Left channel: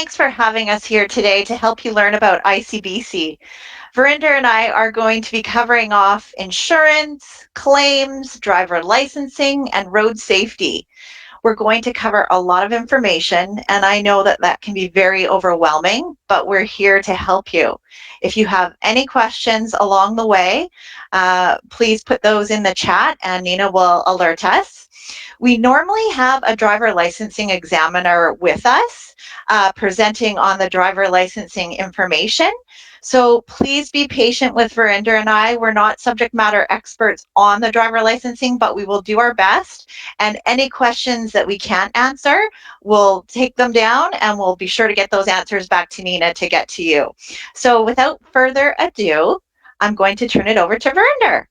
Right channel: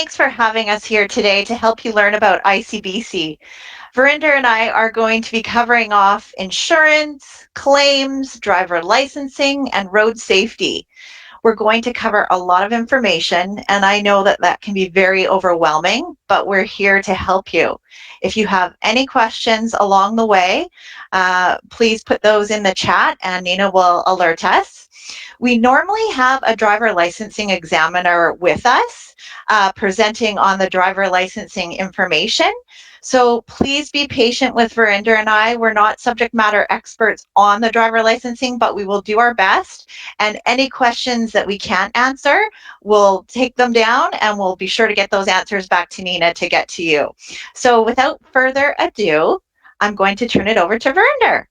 Thanks for having us here today to help you learn about ICBC. Verinder and I are going to be covering off insurance, claims, driver licensing, and road safety. We're going to cover a lot of information, and I know that that can be very overwhelming, but we're here to help you. If you have any questions along the way, please put those in the chat and Nina will alert us. We normally have a driver licensing examiner with us presenting on the driver licensing information. So please be patient with Verinder and I. We're not subject matter experts on the driver licensing, but we will do our best. And any questions that we can't answer, we'll take them down and we'll be sure to get those answers back to Nina to get to you. So without further ado, I'm going to turn it over to Verinder.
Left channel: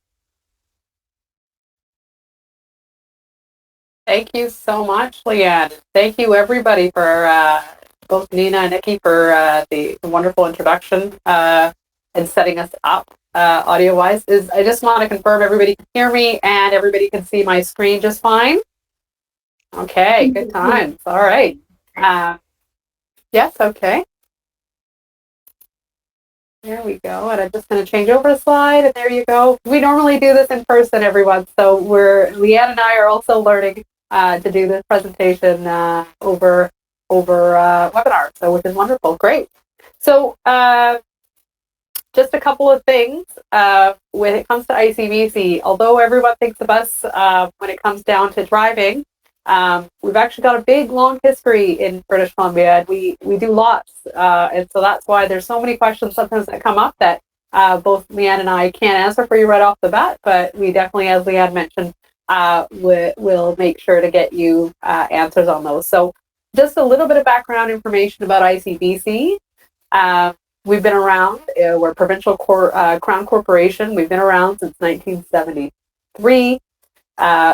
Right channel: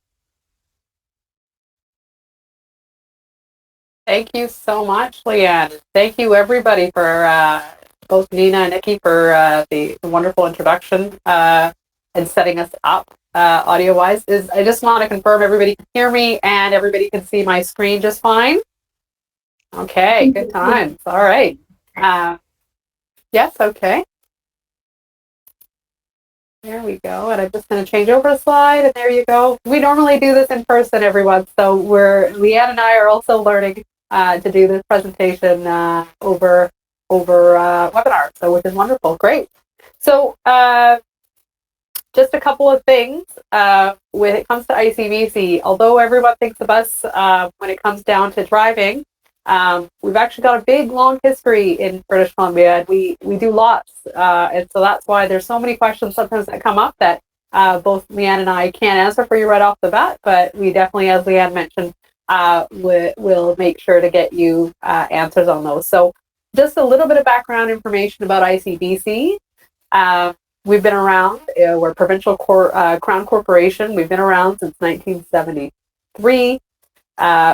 Thank you so much, Leanne. Thank you, everybody, for both Nina and Nikki for the wonderful introduction and setting us up audio-wise. I just want to confirm everybody can hear me and everybody can see my screen just fine. Okay, good times. All right. Yes, okay. There we go. And I'm just going to change over a slide, and there you go. We normally do this in person, everyone. So Leanne and I are also learning to do this presentation over webinar, so which is wonderful. Great. So just a couple of things when it comes to ICBC. Although everyone thinks of us when it comes down to driving, we've actually got a big, long history in British Columbia, and we do lots. And so that's why there's so many questions sometimes that come up that both Leanne and I can't answer for you right off the bat, but we definitely, as Leanne mentioned, we'll make sure to get you answers on those. So just a little bit of background information about ICBC. We've been around. We're a provincial crown corporation. We've been around since 1973.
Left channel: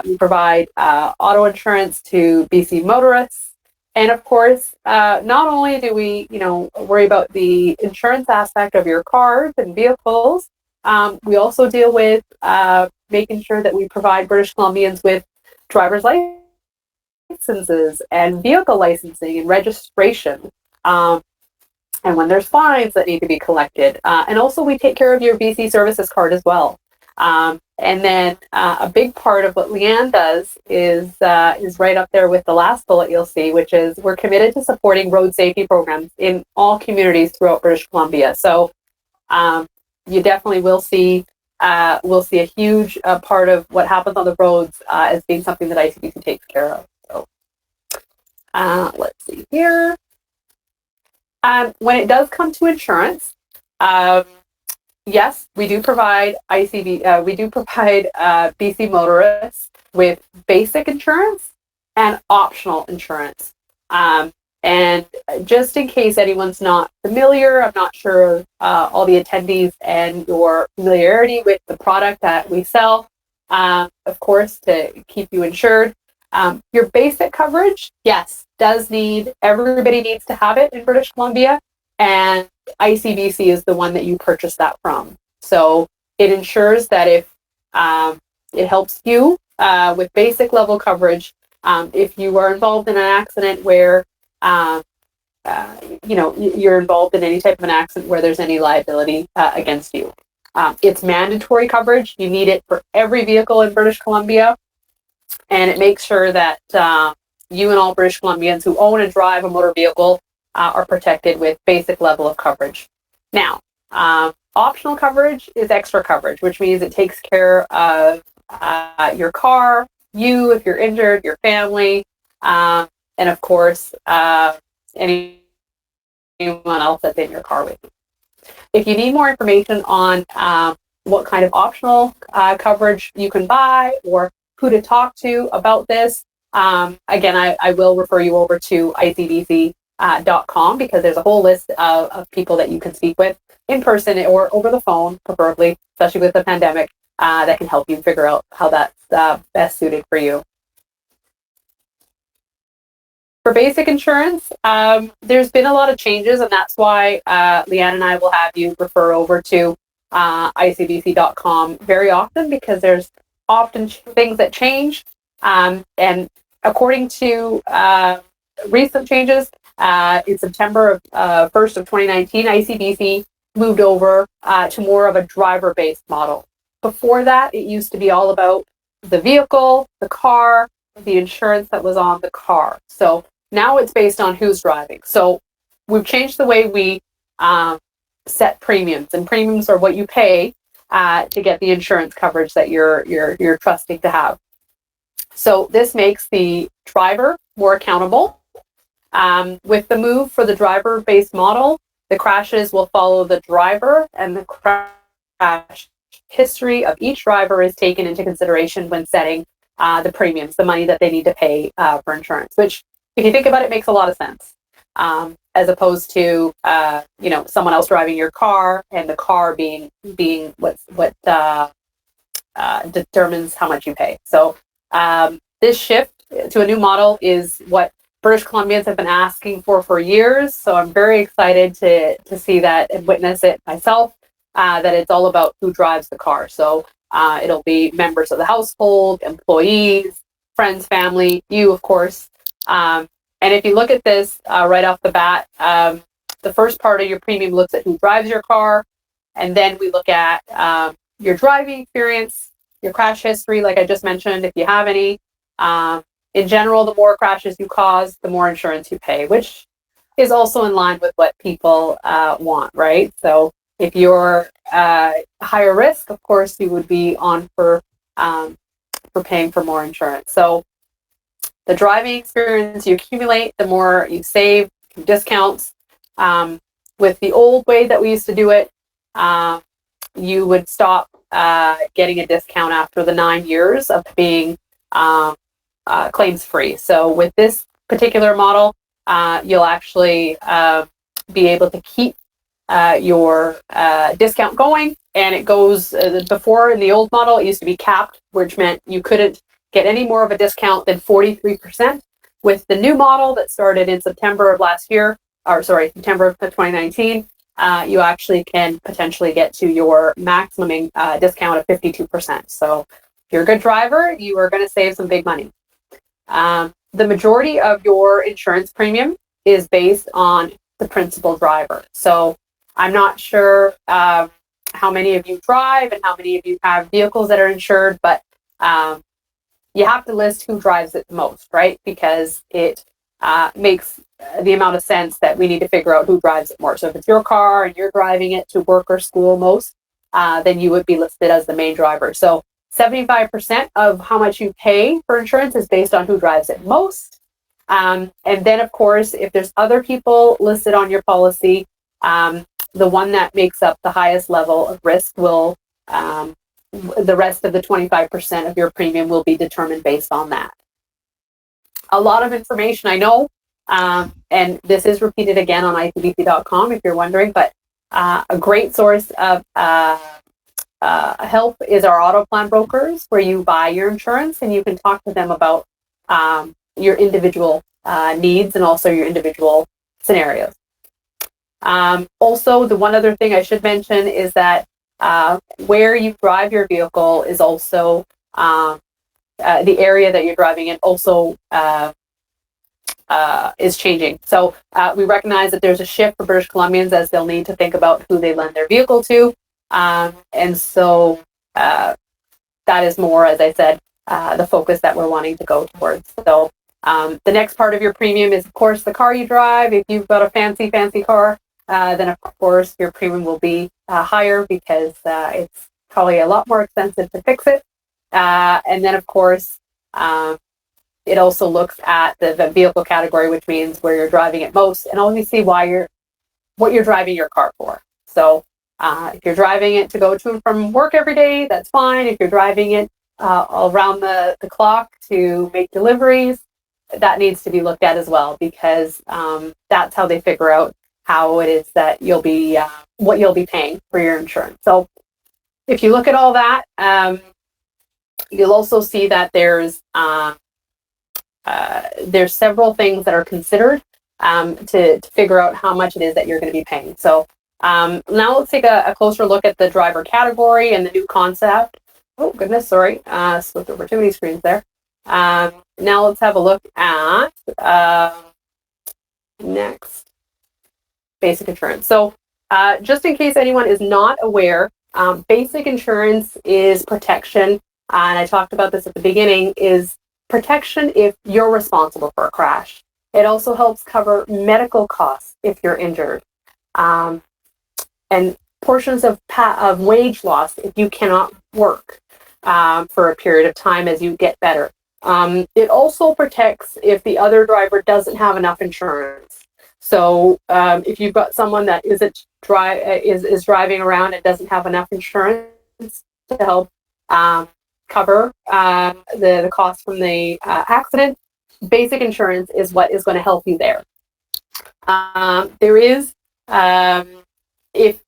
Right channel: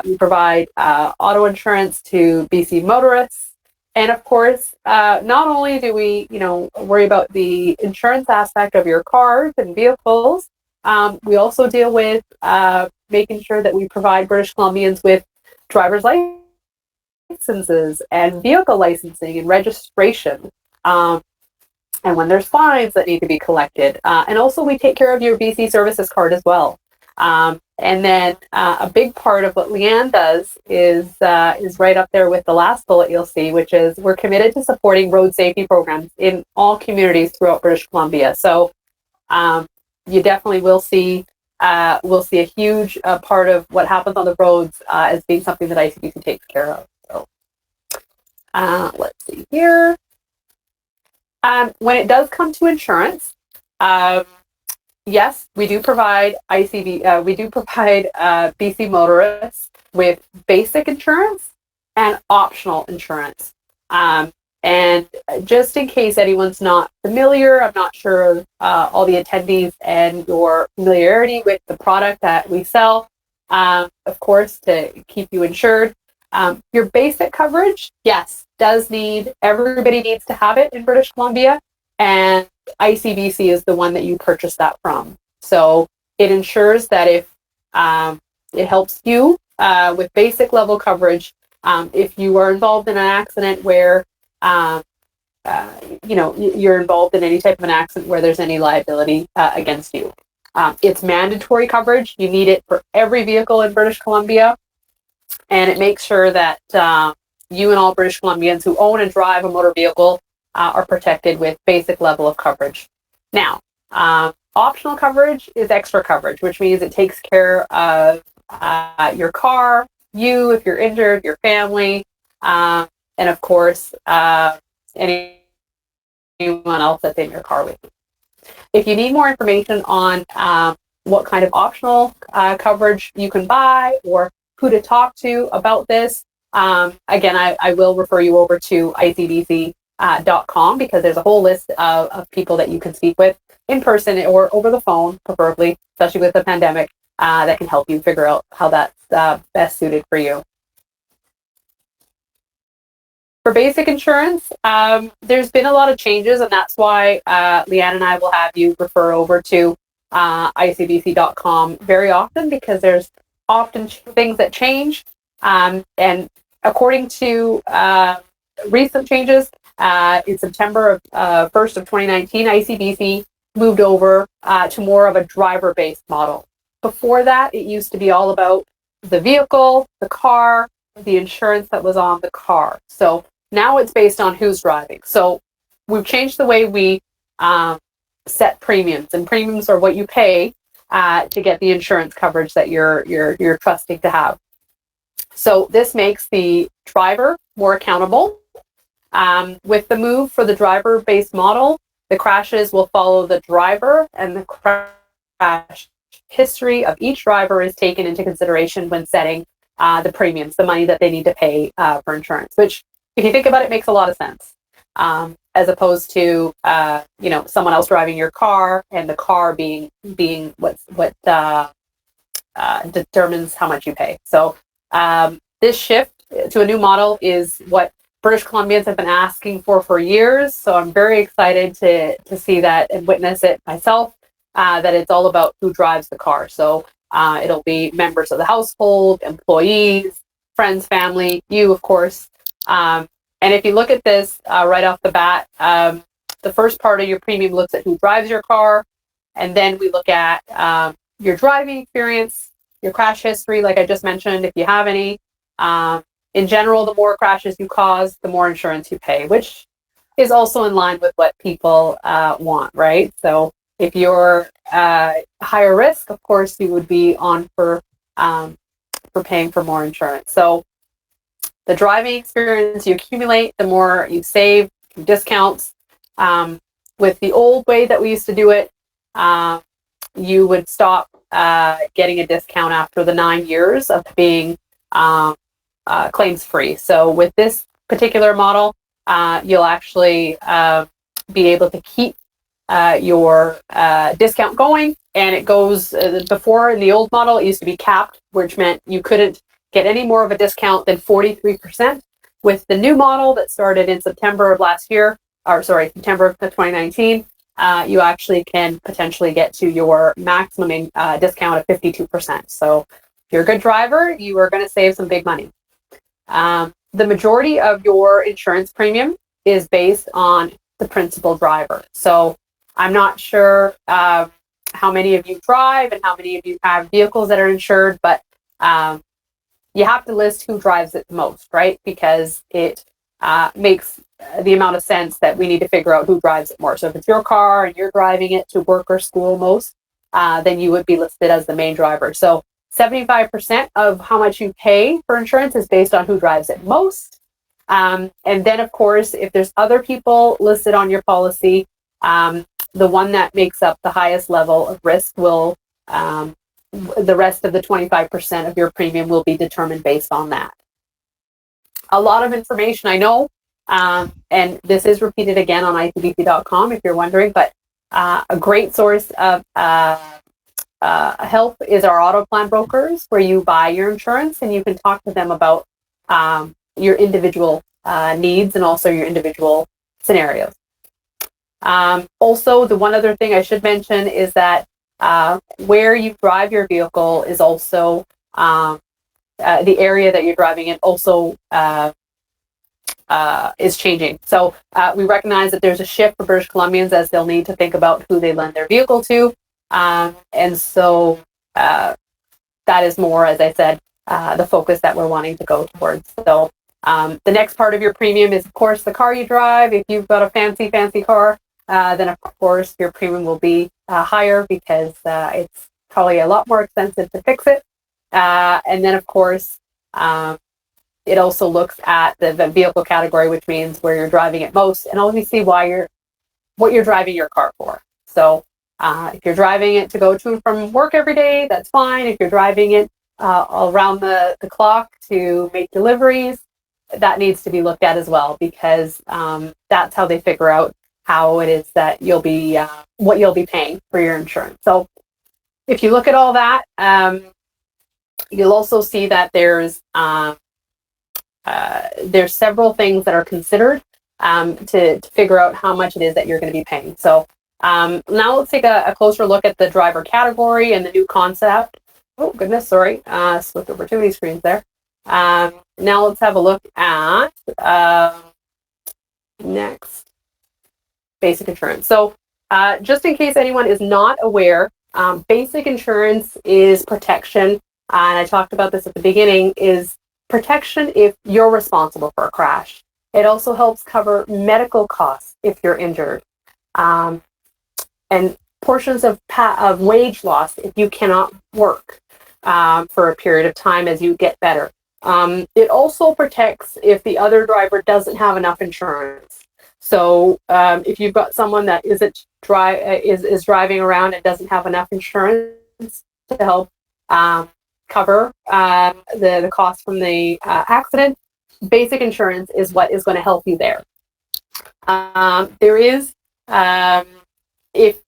We provide auto insurance to BC motorists. And of course, not only do we, worry about the insurance aspect of your cars and vehicles, we also deal with making sure that we provide British Columbians with driver's licenses and vehicle licensing and registration. And when there's fines that need to be collected. And also we take care of your BC services card as well. And then a big part of what Leanne does is right up there with the last bullet you'll see, which is we're committed to supporting road safety programs in all communities throughout British Columbia. So you definitely will see a huge part of what happens on the roads as being something that ICBC takes care of. So let's see here. When it does come to insurance, yes, we do provide BC motorists with basic insurance and optional insurance. And just in case anyone's not familiar, I'm not sure all the attendees and your familiarity with the product that we sell, of course, to keep you insured. Your basic coverage, yes, everybody needs to have it in British Columbia, and ICBC is the one that you purchase that from. So it ensures that if it helps you with basic level coverage, if you are involved in an accident where you're involved in any type of an accident where there's any liability against you. It's mandatory coverage. You need it for every vehicle in British Columbia, and it makes sure that you and all British Columbians who own and drive a motor vehicle are protected with basic level of coverage. Now, optional coverage is extra coverage, which means it takes care of your car, you if you're injured, your family, and of course, anyone else that's in your car with you. If you need more information on what kind of optional coverage you can buy or who to talk to about this, again, I will refer you over to icbc.com because there's a whole list of people that you can speak with in person or over the phone, preferably, especially with the pandemic, that can help you figure out how that's best suited for you. For basic insurance, there's been a lot of changes, and that's why Leanne and I will have you refer over to icbc.com very often, because there's often things that change. And according to recent changes, in September of 1st of 2019, ICBC moved over to more of a driver-based model. Before that, it used to be all about the vehicle, the car, the insurance that was on the car. So now it's based on who's driving. So we've changed the way we set premiums, and premiums are what you pay to get the insurance coverage that you're trusting to have. So this makes the driver more accountable. With the move for the driver-based model, the crashes will follow the driver, and the crash history of each driver is taken into consideration when setting the premiums, the money that they need to pay for insurance, which, if you think about it, makes a lot of sense. As opposed to someone else driving your car, and the car being what determines how much you pay. So this shift to a new model is what British Columbians have been asking for years. So I'm very excited to see that and witness it myself. That it's all about who drives the car. So it'll be members of the household, employees, friends, family, you, of course. And if you look at this right off the bat, the first part of your premium looks at who drives your car. And then we look at your driving experience, your crash history, like I just mentioned, if you have any. In general, the more crashes you cause, the more insurance you pay, which is also in line with what people want, right? So if you're higher risk, of course, you would be on for paying for more insurance. So the driving experience you accumulate, the more you save, discounts. With the old way that we used to do it, you would stop getting a discount after the 9 years of being claims free. So with this particular model, you'll actually be able to keep your discount going, and it goes before. In the old model, it used to be capped, which meant you couldn't get any more of a discount than 43%. With the new model that started in September of 2019, you actually can potentially get to your maximum discount of 52%. So if you're a good driver, you are going to save some big money. The majority of your insurance premium is based on the principal driver. So I'm not sure how many of you drive and how many of you have vehicles that are insured, but you have to list who drives it the most, right? Because it makes the amount of sense that we need to figure out who drives it more. So if it's your car and you're driving it to work or school most, then you would be listed as the main driver. So 75% of how much you pay for insurance is based on who drives it most. And then, of course, if there's other people listed on your policy, the one that makes up the highest level of risk will, the rest of the 25% of your premium will be determined based on that. A lot of information, I know, and this is repeated again on icbc.com if you're wondering, but a great source of help is our auto plan brokers, where you buy your insurance and you can talk to them about your individual needs and also your individual scenarios. Also, the one other thing I should mention is that where you drive your vehicle is also the area that you're driving in also is changing. So we recognize that there's a shift for British Columbians as they'll need to think about who they lend their vehicle to. And so that is more, as I said, the focus that we're wanting to go towards. So the next part of your premium is, of course, the car you drive. If you've got a fancy car, then of course your premium will be higher because it's probably a lot more expensive to fix it. And then, of course, it also looks at the vehicle category, which means where you're driving it most, and obviously what you're driving your car for. So if you're driving it to go to and from work every day, that's fine. If you're driving it around the clock to make deliveries, that needs to be looked at as well, because that's how they figure out how it is that you'll be what you'll be paying for your insurance. So if you look at all that, you'll also see that there's several things that are considered to figure out how much it is that you're going to be paying. So now let's take a closer look at the driver category and the new concept. Oh goodness, sorry, slipped over too many screens there. Now let's have a look at Next, basic insurance. So just in case anyone is not aware, basic insurance is protection, and I talked about this at the beginning, is protection if you're responsible for a crash. It also helps cover medical costs if you're injured, and portions of wage loss if you cannot work for a period of time as you get better. It also protects if the other driver doesn't have enough insurance. So if you've got someone that is driving around and doesn't have enough insurance to help cover the cost from the accident, basic insurance is what is going to help you there. There is, if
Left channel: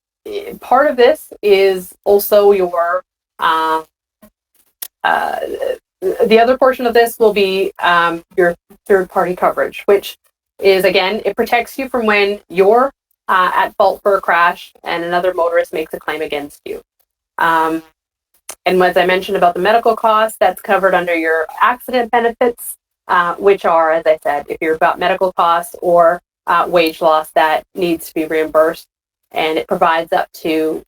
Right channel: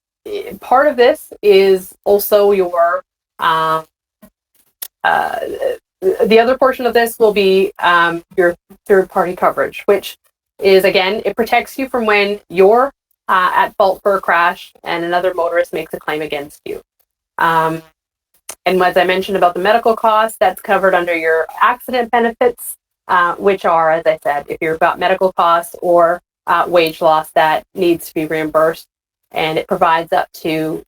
part of this is also your, the other portion of this will be your third-party coverage, which is, again, it protects you from when you're at fault for a crash and another motorist makes a claim against you. And as I mentioned about the medical costs, that's covered under your accident benefits, which are, as I said, if you've got medical costs or wage loss that needs to be reimbursed, and it provides up to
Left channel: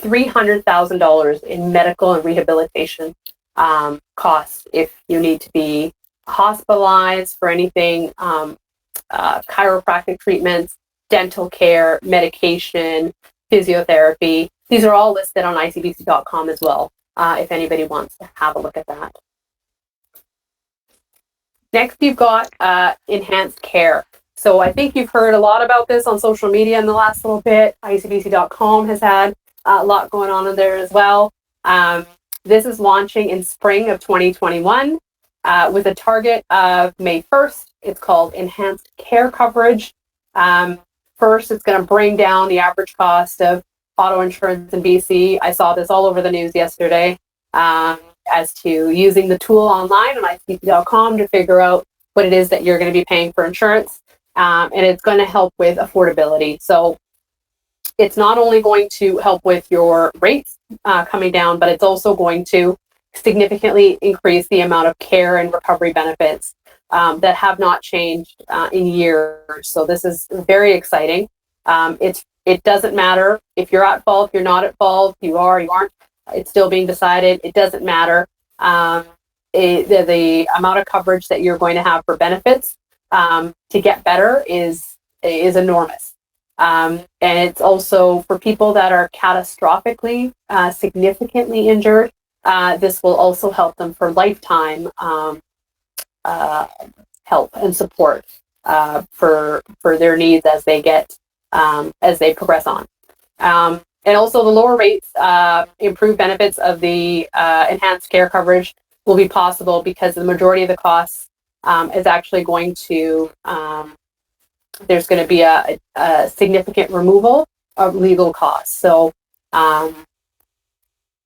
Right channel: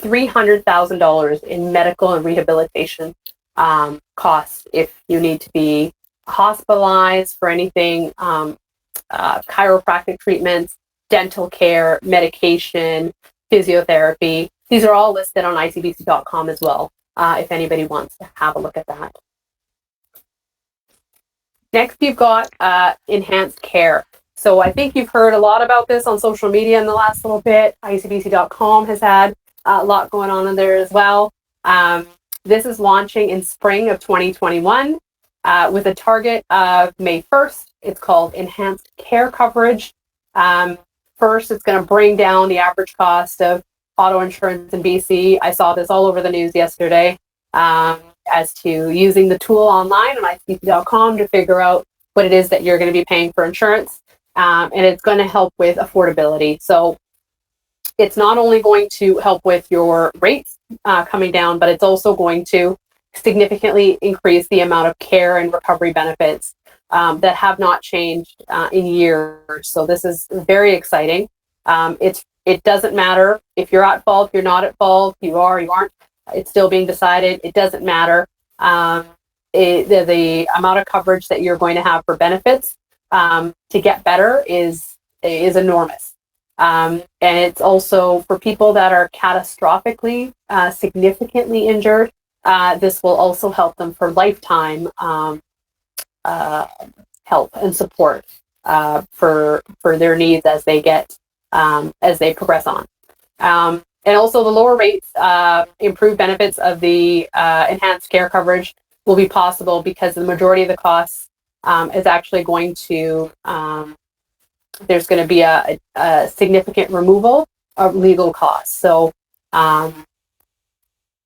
$300,000 in medical and rehabilitation costs if you need to be hospitalized for anything, chiropractic treatments, dental care, medication, physiotherapy. These are all listed on icbc.com as well, if anybody wants to have a look at that. Next, you've got enhanced care. So I think you've heard a lot about this on social media in the last little bit. icbc.com has had a lot going on in there as well. This is launching in spring of 2021 with a target of May 1st. It's called Enhanced Care Coverage. First, it's going to bring down the average cost of auto insurance in BC. I saw this all over the news yesterday as to using the tool online on icbc.com to figure out what it is that you're going to be paying for insurance. And it's going to help with affordability. So it's not only going to help with your rates coming down, but it's also going to significantly increase the amount of care and recovery benefits that have not changed in years. So this is very exciting. It doesn't matter if you're at fault, if you're not at fault, you are, you aren't. It's still being decided. It doesn't matter. The amount of coverage that you're going to have for benefits to get better is enormous. And it's also for people that are catastrophically, significantly injured. This will also help them for lifetime help and support for their needs as they get as they progress on. And also the lower rates, improved benefits of the enhanced care coverage will be possible because the majority of the costs is actually going to, there's going to be a significant removal of legal costs. So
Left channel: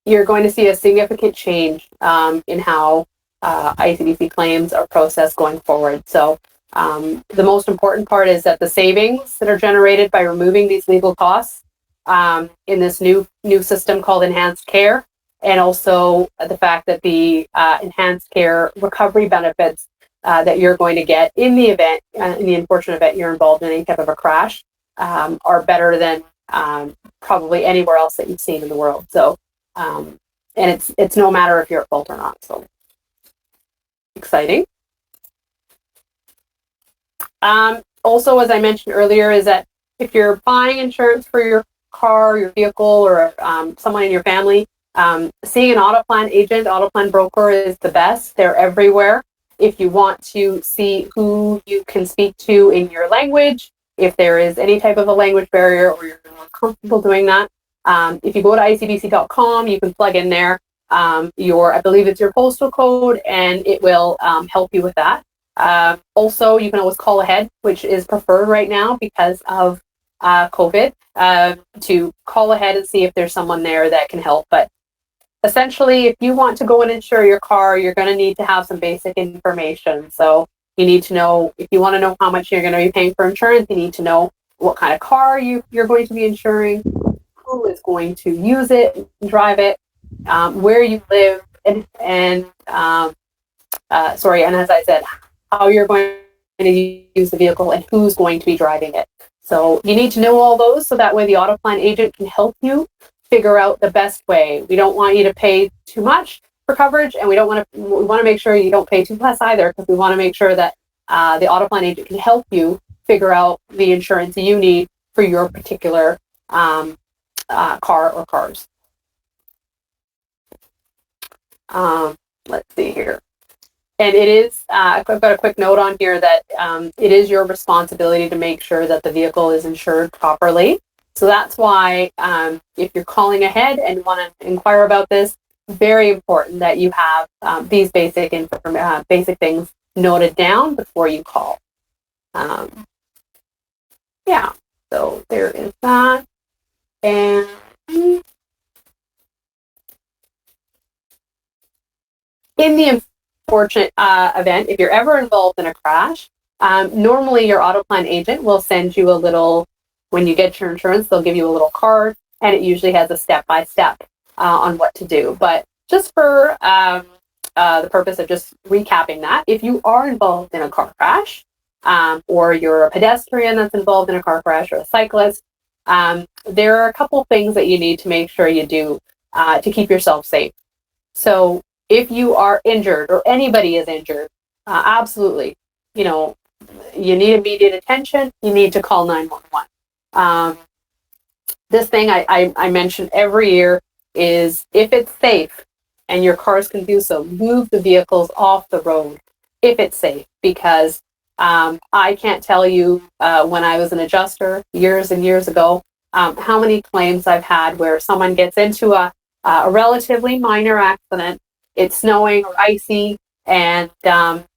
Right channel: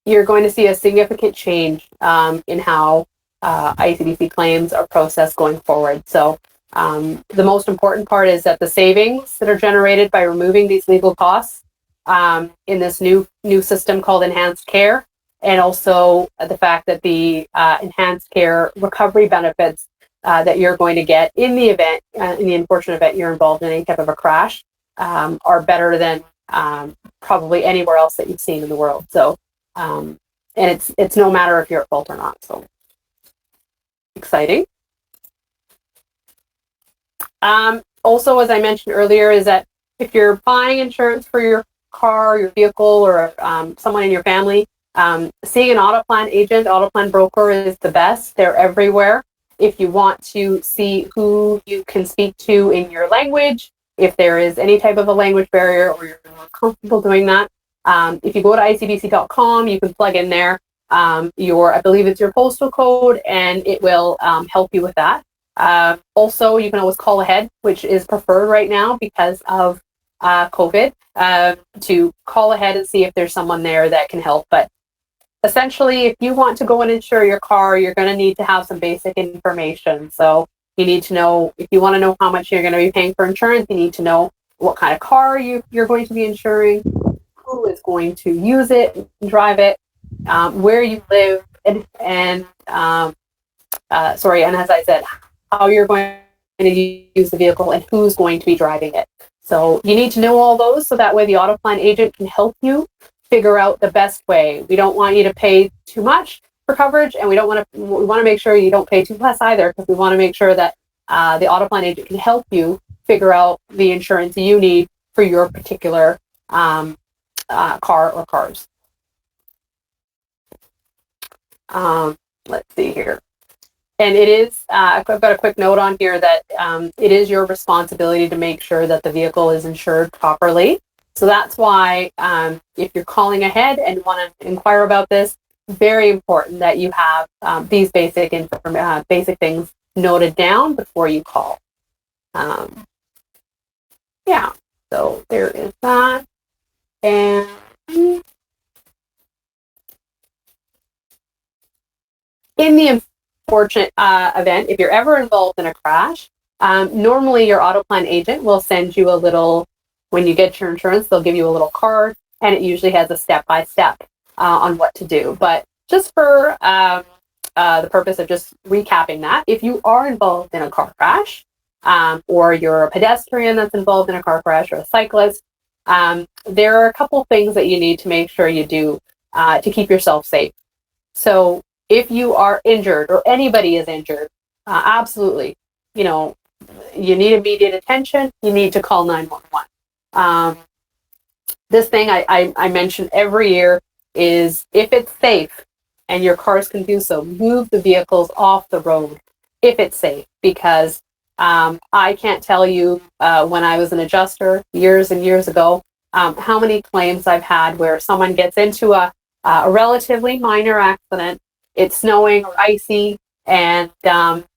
you're going to see a significant change in how ICBC claims are processed going forward. So the most important part is that the savings that are generated by removing these legal costs in this new system called Enhanced Care, and also the fact that the Enhanced Care recovery benefits that you're going to get in the event, in the unfortunate event you're involved in any type of a crash, are better than probably anywhere else that you've seen in the world. So, and it's no matter if you're at fault or not. So, exciting. Also, as I mentioned earlier, is that if you're buying insurance for your car, your vehicle, or someone in your family, seeing an auto plan agent, auto plan broker is the best. They're everywhere. If you want to see who you can speak to in your language, if there is any type of a language barrier or you're more comfortable doing that, if you go to icbc.com, you can plug in there I believe it's your postal code, and it will help you with that. Also, you can always call ahead, which is preferred right now because of COVID, to call ahead and see if there's someone there that can help. But essentially, if you want to go and insure your car, you're going to need to have some basic information. So you need to know, if you want to know how much you're going to be paying for insurance, you need to know what kind of car you're going to be insuring, who is going to use it, drive it, where you live, and as I said, how you're going to use the vehicle and who's going to be driving it. So you need to know all those so that way the AutoPlan agent can help you figure out the best way. We don't want you to pay too much for coverage, and we want to make sure you don't pay too less either, because we want to make sure that the AutoPlan agent can help you figure out the insurance you need for your particular car or cars. Let's see here. And it is, I've got a quick note on here that it is your responsibility to make sure that the vehicle is insured properly. So that's why if you're calling ahead and want to inquire about this, very important that you have these basic things noted down before you call. Yeah, so there is that. And in the unfortunate event, if you're ever involved in a crash, normally your AutoPlan agent will send you a little, when you get your insurance, they'll give you a little card, and it usually has a step-by-step on what to do. But just for the purpose of just recapping that, if you are involved in a car crash, or you're a pedestrian that's involved in a car crash, or a cyclist, there are a couple things that you need to make sure you do to keep yourself safe. So if you are injured, or anybody is injured, absolutely, you need immediate attention. You need to call 911. This thing I mention every year is, if it's safe and your cars can do so, move the vehicles off the road if it's safe, because I can't tell you when I was an adjuster years and years ago how many claims I've had where someone gets into a relatively minor accident. It's snowing or icy, and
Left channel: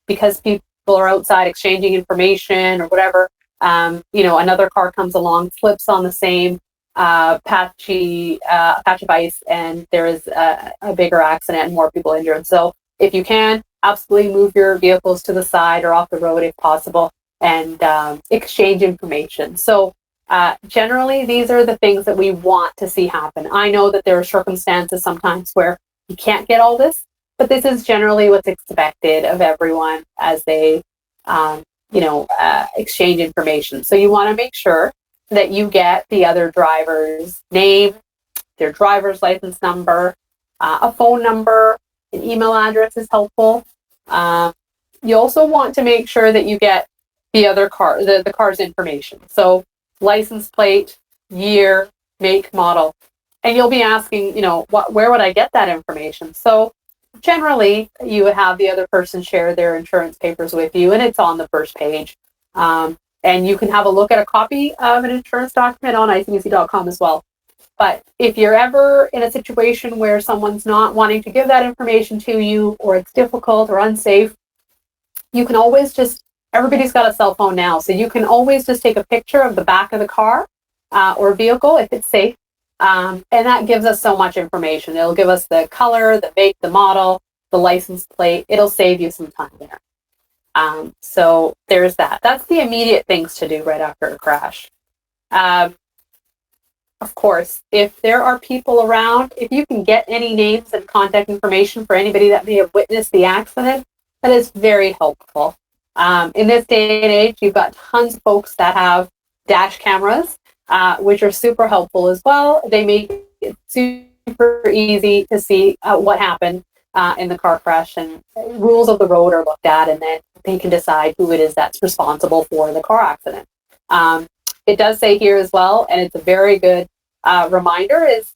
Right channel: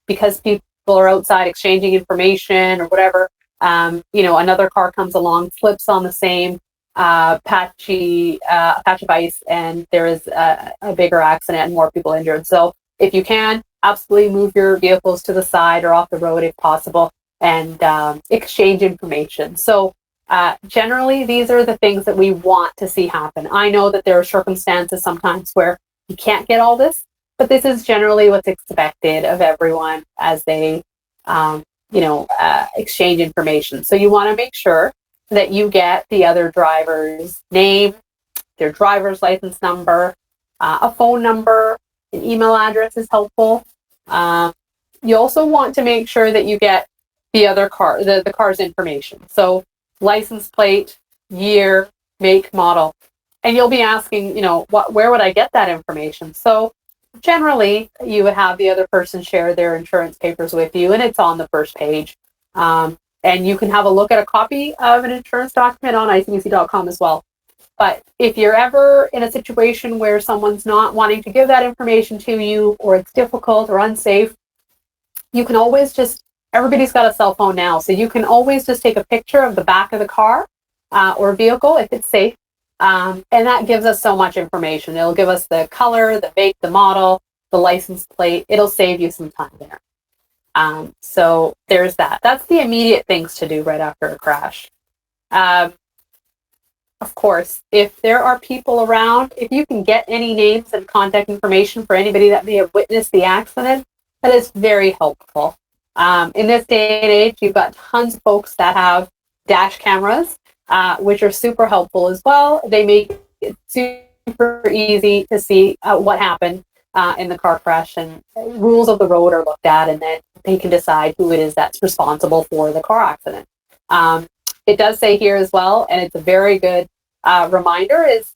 because people are outside exchanging information or whatever, another car comes along, slips on the same patch of ice, and there is a bigger accident and more people injured. So if you can, absolutely move your vehicles to the side or off the road if possible, and exchange information. So generally, these are the things that we want to see happen. I know that there are circumstances sometimes where you can't get all this, but this is generally what's expected of everyone as they, exchange information. So you want to make sure that you get the other driver's name, their driver's license number, a phone number, an email address is helpful. You also want to make sure that you get the other car, the car's information. So license plate, year, make, model. And you'll be asking, where would I get that information? So generally, you would have the other person share their insurance papers with you, and it's on the first page. And you can have a look at a copy of an insurance document on icbc.com as well. But if you're ever in a situation where someone's not wanting to give that information to you, or it's difficult or unsafe, you can always everybody's got a cell phone now, so you can always just take a picture of the back of the car or vehicle if it's safe. And that gives us so much information. It'll give us the color, the make, the model, the license plate. It'll save you some time there. So there's that. That's the immediate things to do right after a crash. Of course, if there are people around, if you can get any names and contact information for anybody that may have witnessed the accident, that is very helpful. In this day and age, you've got tons of folks that have dash cameras, which are super helpful as well. They make it super easy to see what happened in the car crash, and rules of the road are looked at, and then they can decide who it is that's responsible for the car accident. It does say here as well, and it's a very good reminder, is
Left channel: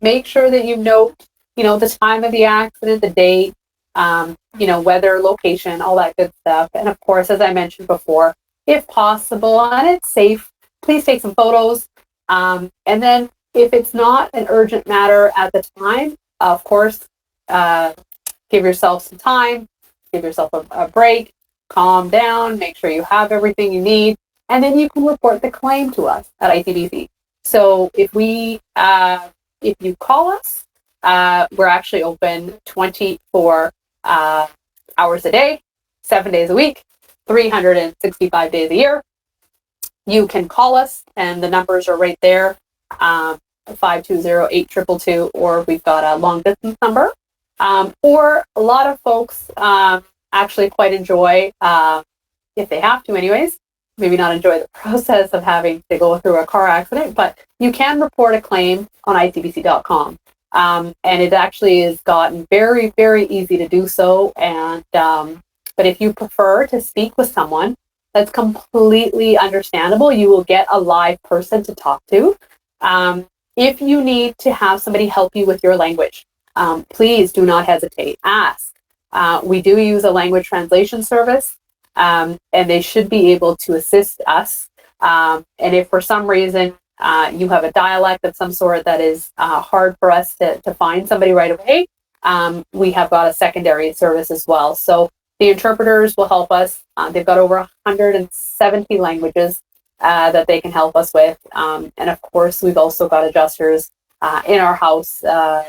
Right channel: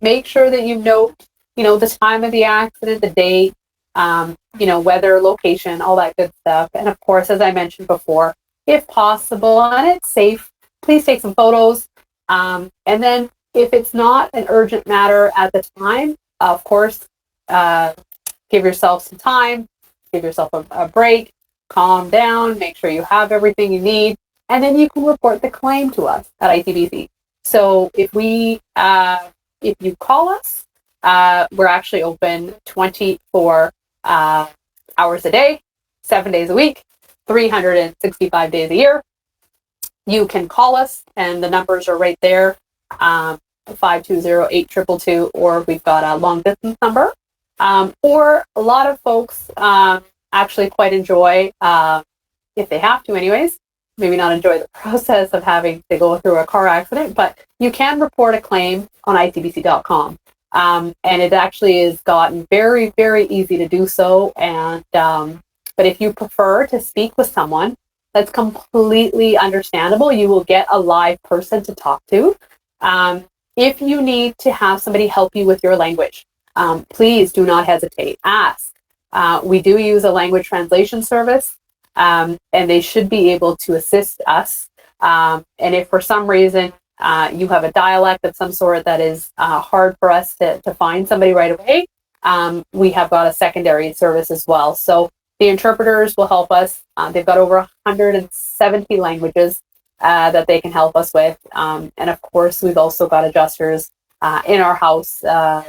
make sure that you note, the time of the accident, the date, weather, location, all that good stuff. And of course, as I mentioned before, if possible and it's safe, please take some photos. And then if it's not an urgent matter at the time, of course, give yourself some time, give yourself a break, calm down, make sure you have everything you need, and then you can report the claim to us at Icbc. So if you call us, we're actually open 24 hours a day, 7 days a week, 365 days a year. You can call us, and the numbers are right there, 520-8222, or we've got a long distance number. Or a lot of folks actually quite enjoy if they have to anyways, maybe not enjoy the process of having to go through a car accident, but you can report a claim on icbc.com. And it actually has gotten very, very easy to do so. And but if you prefer to speak with someone, that's completely understandable. You will get a live person to talk to. If you need to have somebody help you with your language, please do not hesitate. Ask. We do use a language translation service, and they should be able to assist us. And if for some reason you have a dialect of some sort that is hard for us to find somebody right away, we have got a secondary service as well. So the interpreters will help us. They've got over 170 languages that they can help us with. And of course, we've also got adjusters in our house,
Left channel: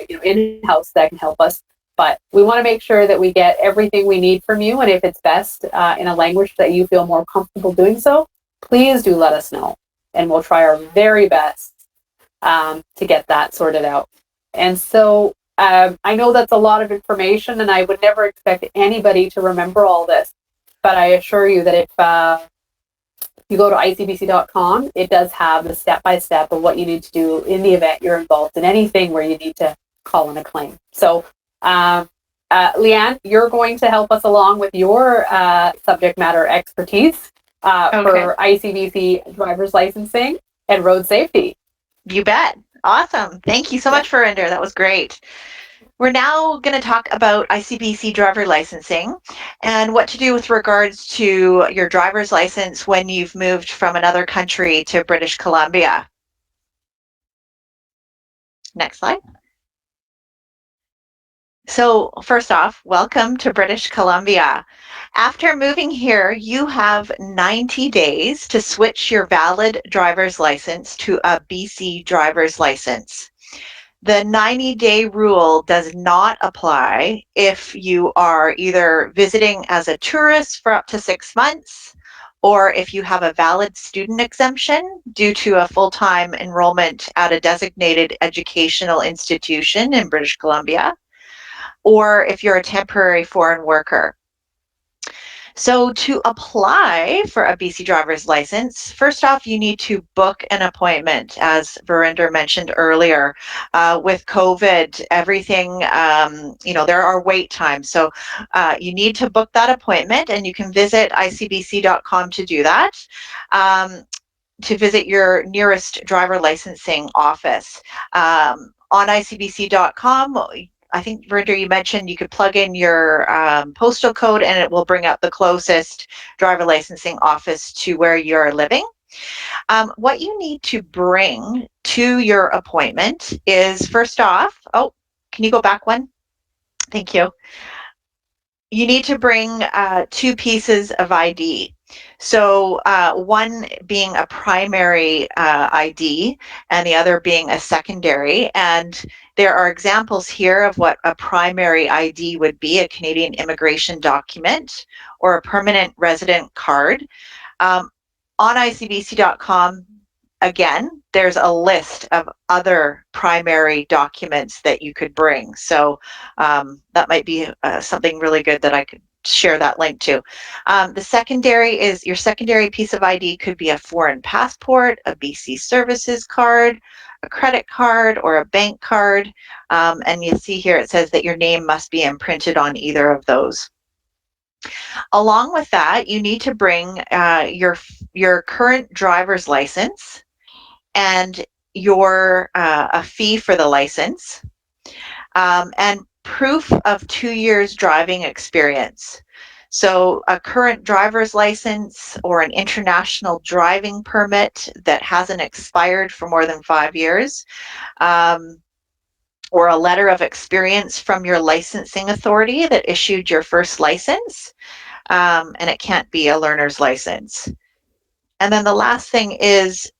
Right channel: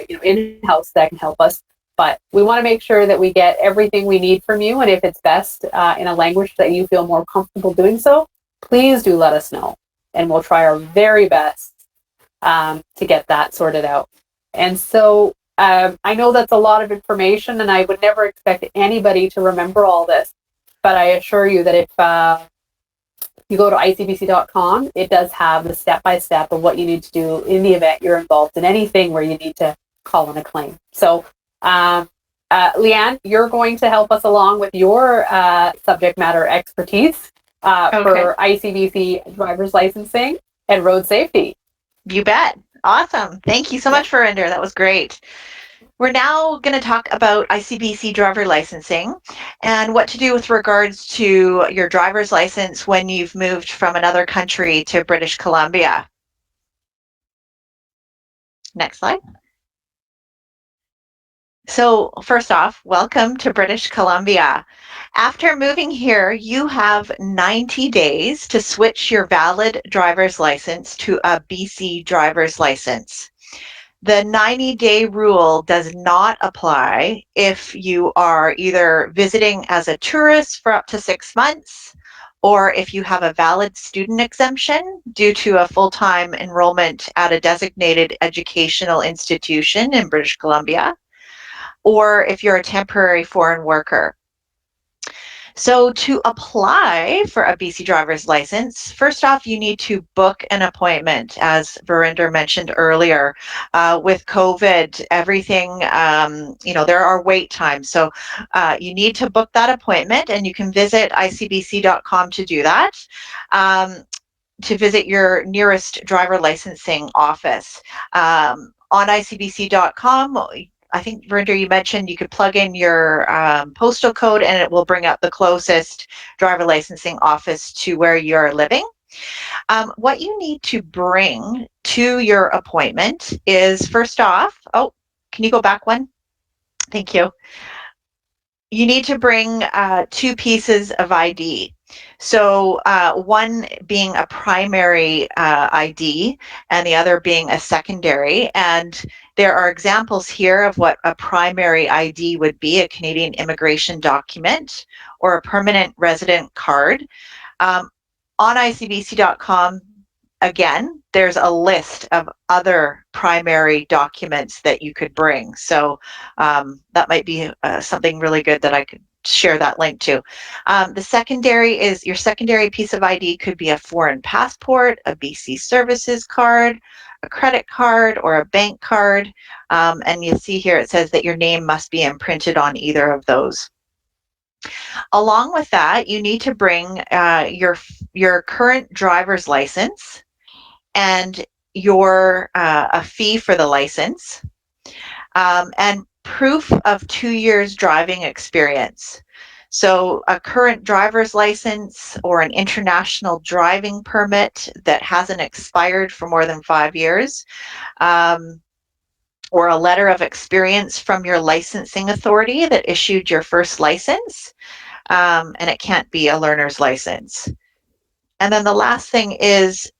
in-house that can help us. But we want to make sure that we get everything we need from you. And if it's best in a language that you feel more comfortable doing so, please do let us know. And we'll try our very best to get that sorted out. And so I know that's a lot of information, and I would never expect anybody to remember all this. But I assure you that if you go to icbc.com, it does have the step-by-step of what you need to do in the event you're involved in anything where you need to call in a claim. So Leanne, you're going to help us along with your subject matter expertise for ICBC driver's licensing and road safety. You bet. Awesome. Thank you so much, Verinder. That was great. We're now going to talk about ICBC driver licensing and what to do with regards to your driver's license when you've moved from another country to British Columbia. Next slide. So first off, welcome to British Columbia. After moving here, you have 90 days to switch your valid driver's license to a BC driver's license. The 90-day rule does not apply if you are either visiting as a tourist for up to 6 months, or if you have a valid student exemption due to a full-time enrollment at a designated educational institution in British Columbia, or if you're a temporary foreign worker. So to apply for a BC driver's license, first off, you need to book an appointment, as Verinder mentioned earlier. With COVID, everything, there are wait times. So you need to book that appointment, and you can visit icbc.com to do that. To visit your nearest driver licensing office. On icbc.com, I think, Verinder, you mentioned you could plug in your postal code and it will bring up the closest driver licensing office to where you're living. What you need to bring to your appointment is, first off, can you go back one? Thank you. You need to bring 2 pieces of ID. So one being a primary ID and the other being a secondary. And there are examples here of what a primary ID would be: a Canadian immigration document or a permanent resident card. On icbc.com, again, there's a list of other primary documents that you could bring. So that might be something really good that I could share that link to. The secondary is, your secondary piece of ID could be a foreign passport, a BC services card, a credit card, or a bank card. And you see here it says that your name must be imprinted on either of those. Along with that, you need to bring your current driver's license and your a fee for the license, and proof of 2 years driving experience. So a current driver's license or an international driving permit that hasn't expired for more than 5 years, or a letter of experience from your licensing authority that issued your first license, and it can't be a learner's license. And then the last thing is,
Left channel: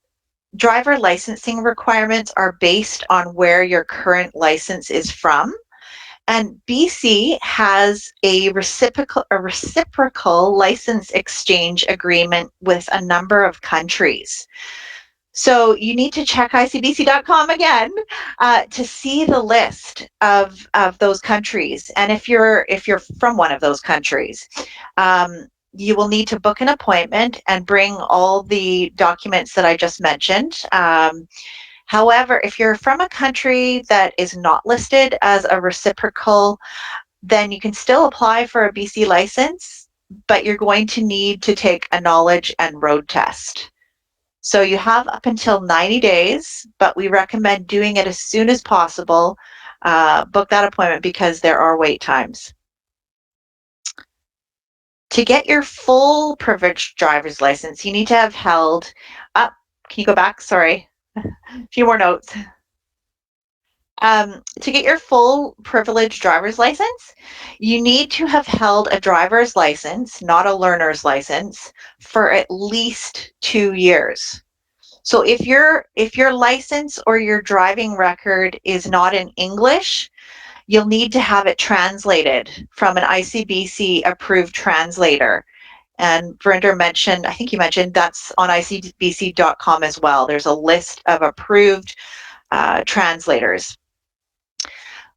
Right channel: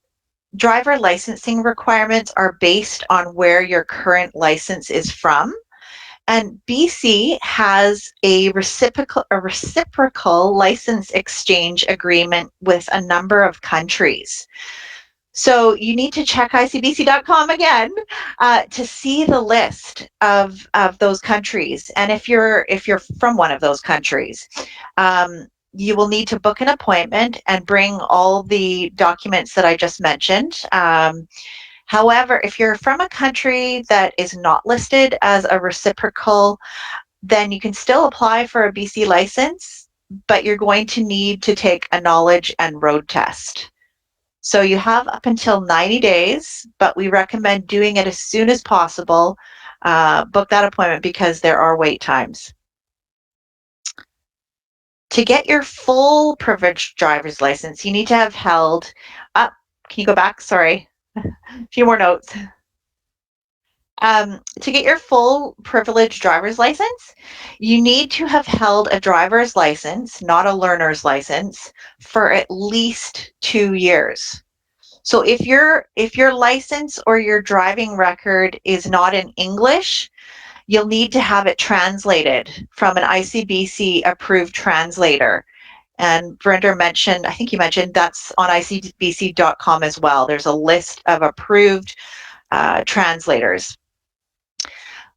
driver licensing requirements are based on where your current license is from. And BC has a reciprocal license exchange agreement with a number of countries. So you need to check icbc.com again to see the list of those countries. And if you're from one of those countries, you will need to book an appointment and bring all the documents that I just mentioned. However, if you're from a country that is not listed as a reciprocal, then you can still apply for a BC license, but you're going to need to take a knowledge and road test. So you have up until 90 days, but we recommend doing it as soon as possible. Book that appointment because there are wait times. To get your full privileged driver's license, you need to have held up. Can you go back? Sorry, a few more notes. To get your full privileged driver's license, you need to have held a driver's license, not a learner's license, for at least 2 years. So if your license or your driving record is not in English, you'll need to have it translated from an ICBC approved translator. And Verinder mentioned, I think you mentioned that's on icbc.com as well. There's a list of approved translators.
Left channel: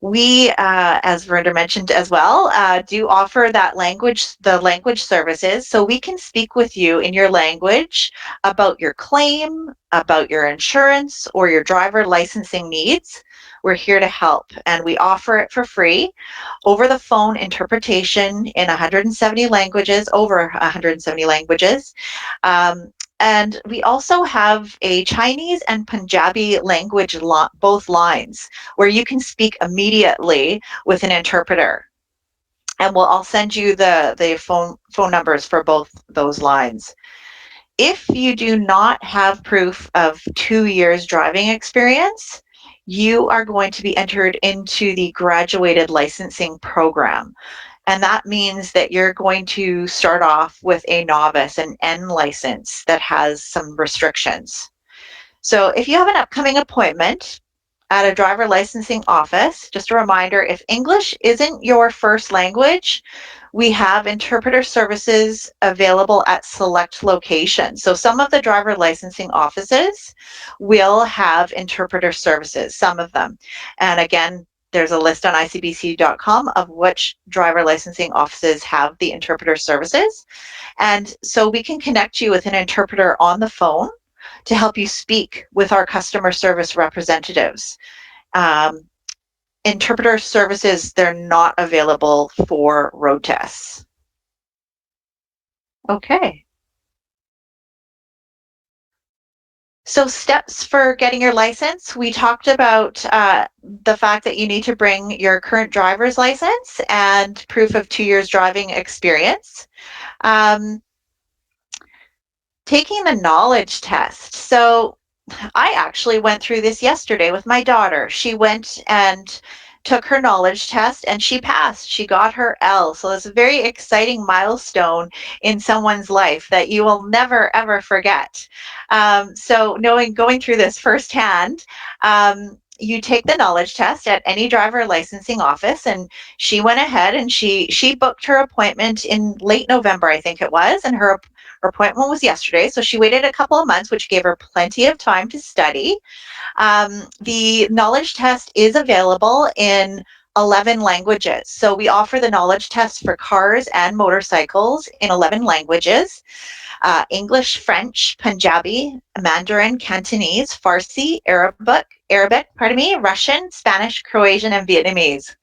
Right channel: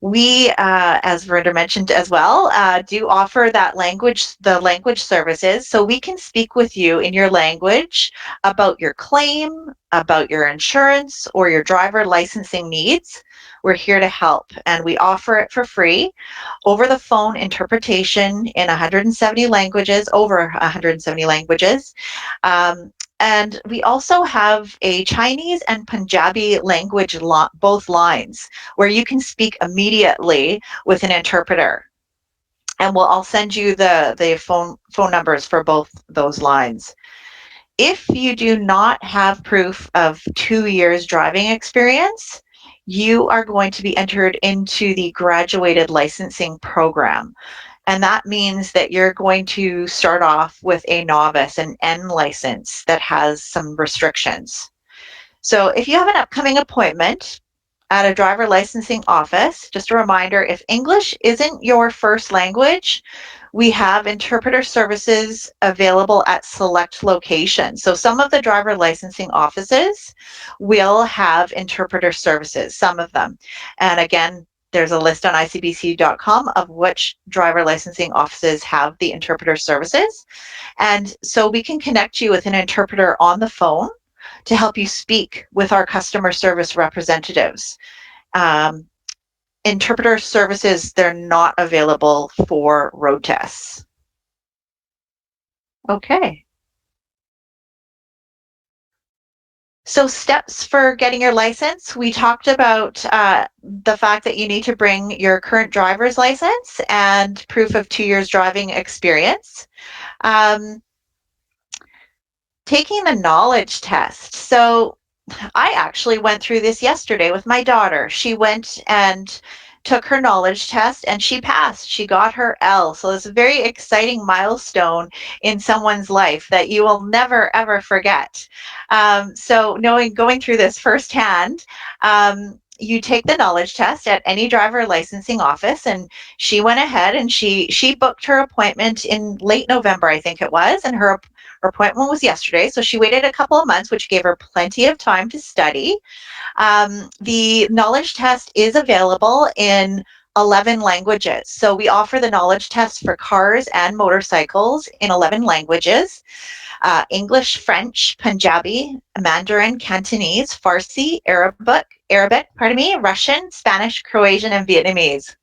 We, as Verinder mentioned as well, do offer the language services. So we can speak with you in your language about your claim, about your insurance, or your driver licensing needs. We're here to help, and we offer it for free. Over the phone interpretation in 170 languages, over 170 languages. Um, and we also have a Chinese and Punjabi language, both lines, where you can speak immediately with an interpreter. And I'll send you the phone numbers for both those lines. If you do not have proof of 2 years driving experience, you are going to be entered into the graduated licensing program. And that means that you're going to start off with a novice, an N license that has some restrictions. So if you have an upcoming appointment at a driver licensing office, just a reminder, if English isn't your first language, we have interpreter services available at select locations. So some of the driver licensing offices will have interpreter services, some of them. And again, there's a list on icbc.com of which driver licensing offices have the interpreter services. And so we can connect you with an interpreter on the phone to help you speak with our customer service representatives. Interpreter services, they're not available for road tests. Okay. So steps for getting your license, we talked about the fact that you need to bring your current driver's license and proof of 2 years driving experience. Taking the knowledge test. So I actually went through this yesterday with my daughter. She went and took her knowledge test and she passed. She got her L. So it's a very exciting milestone in someone's life that you will never, ever forget. So going through this firsthand, you take the knowledge test at any driver licensing office, and she went ahead and she booked her appointment in late November, I think it was, and her appointment was yesterday. So she waited a couple of months, which gave her plenty of time to study. The knowledge test is available in 11 languages. So we offer the knowledge test for cars and motorcycles in 11 languages. English, French, Punjabi, Mandarin, Cantonese, Farsi, Arabic, Russian, Spanish, Croatian, and Vietnamese.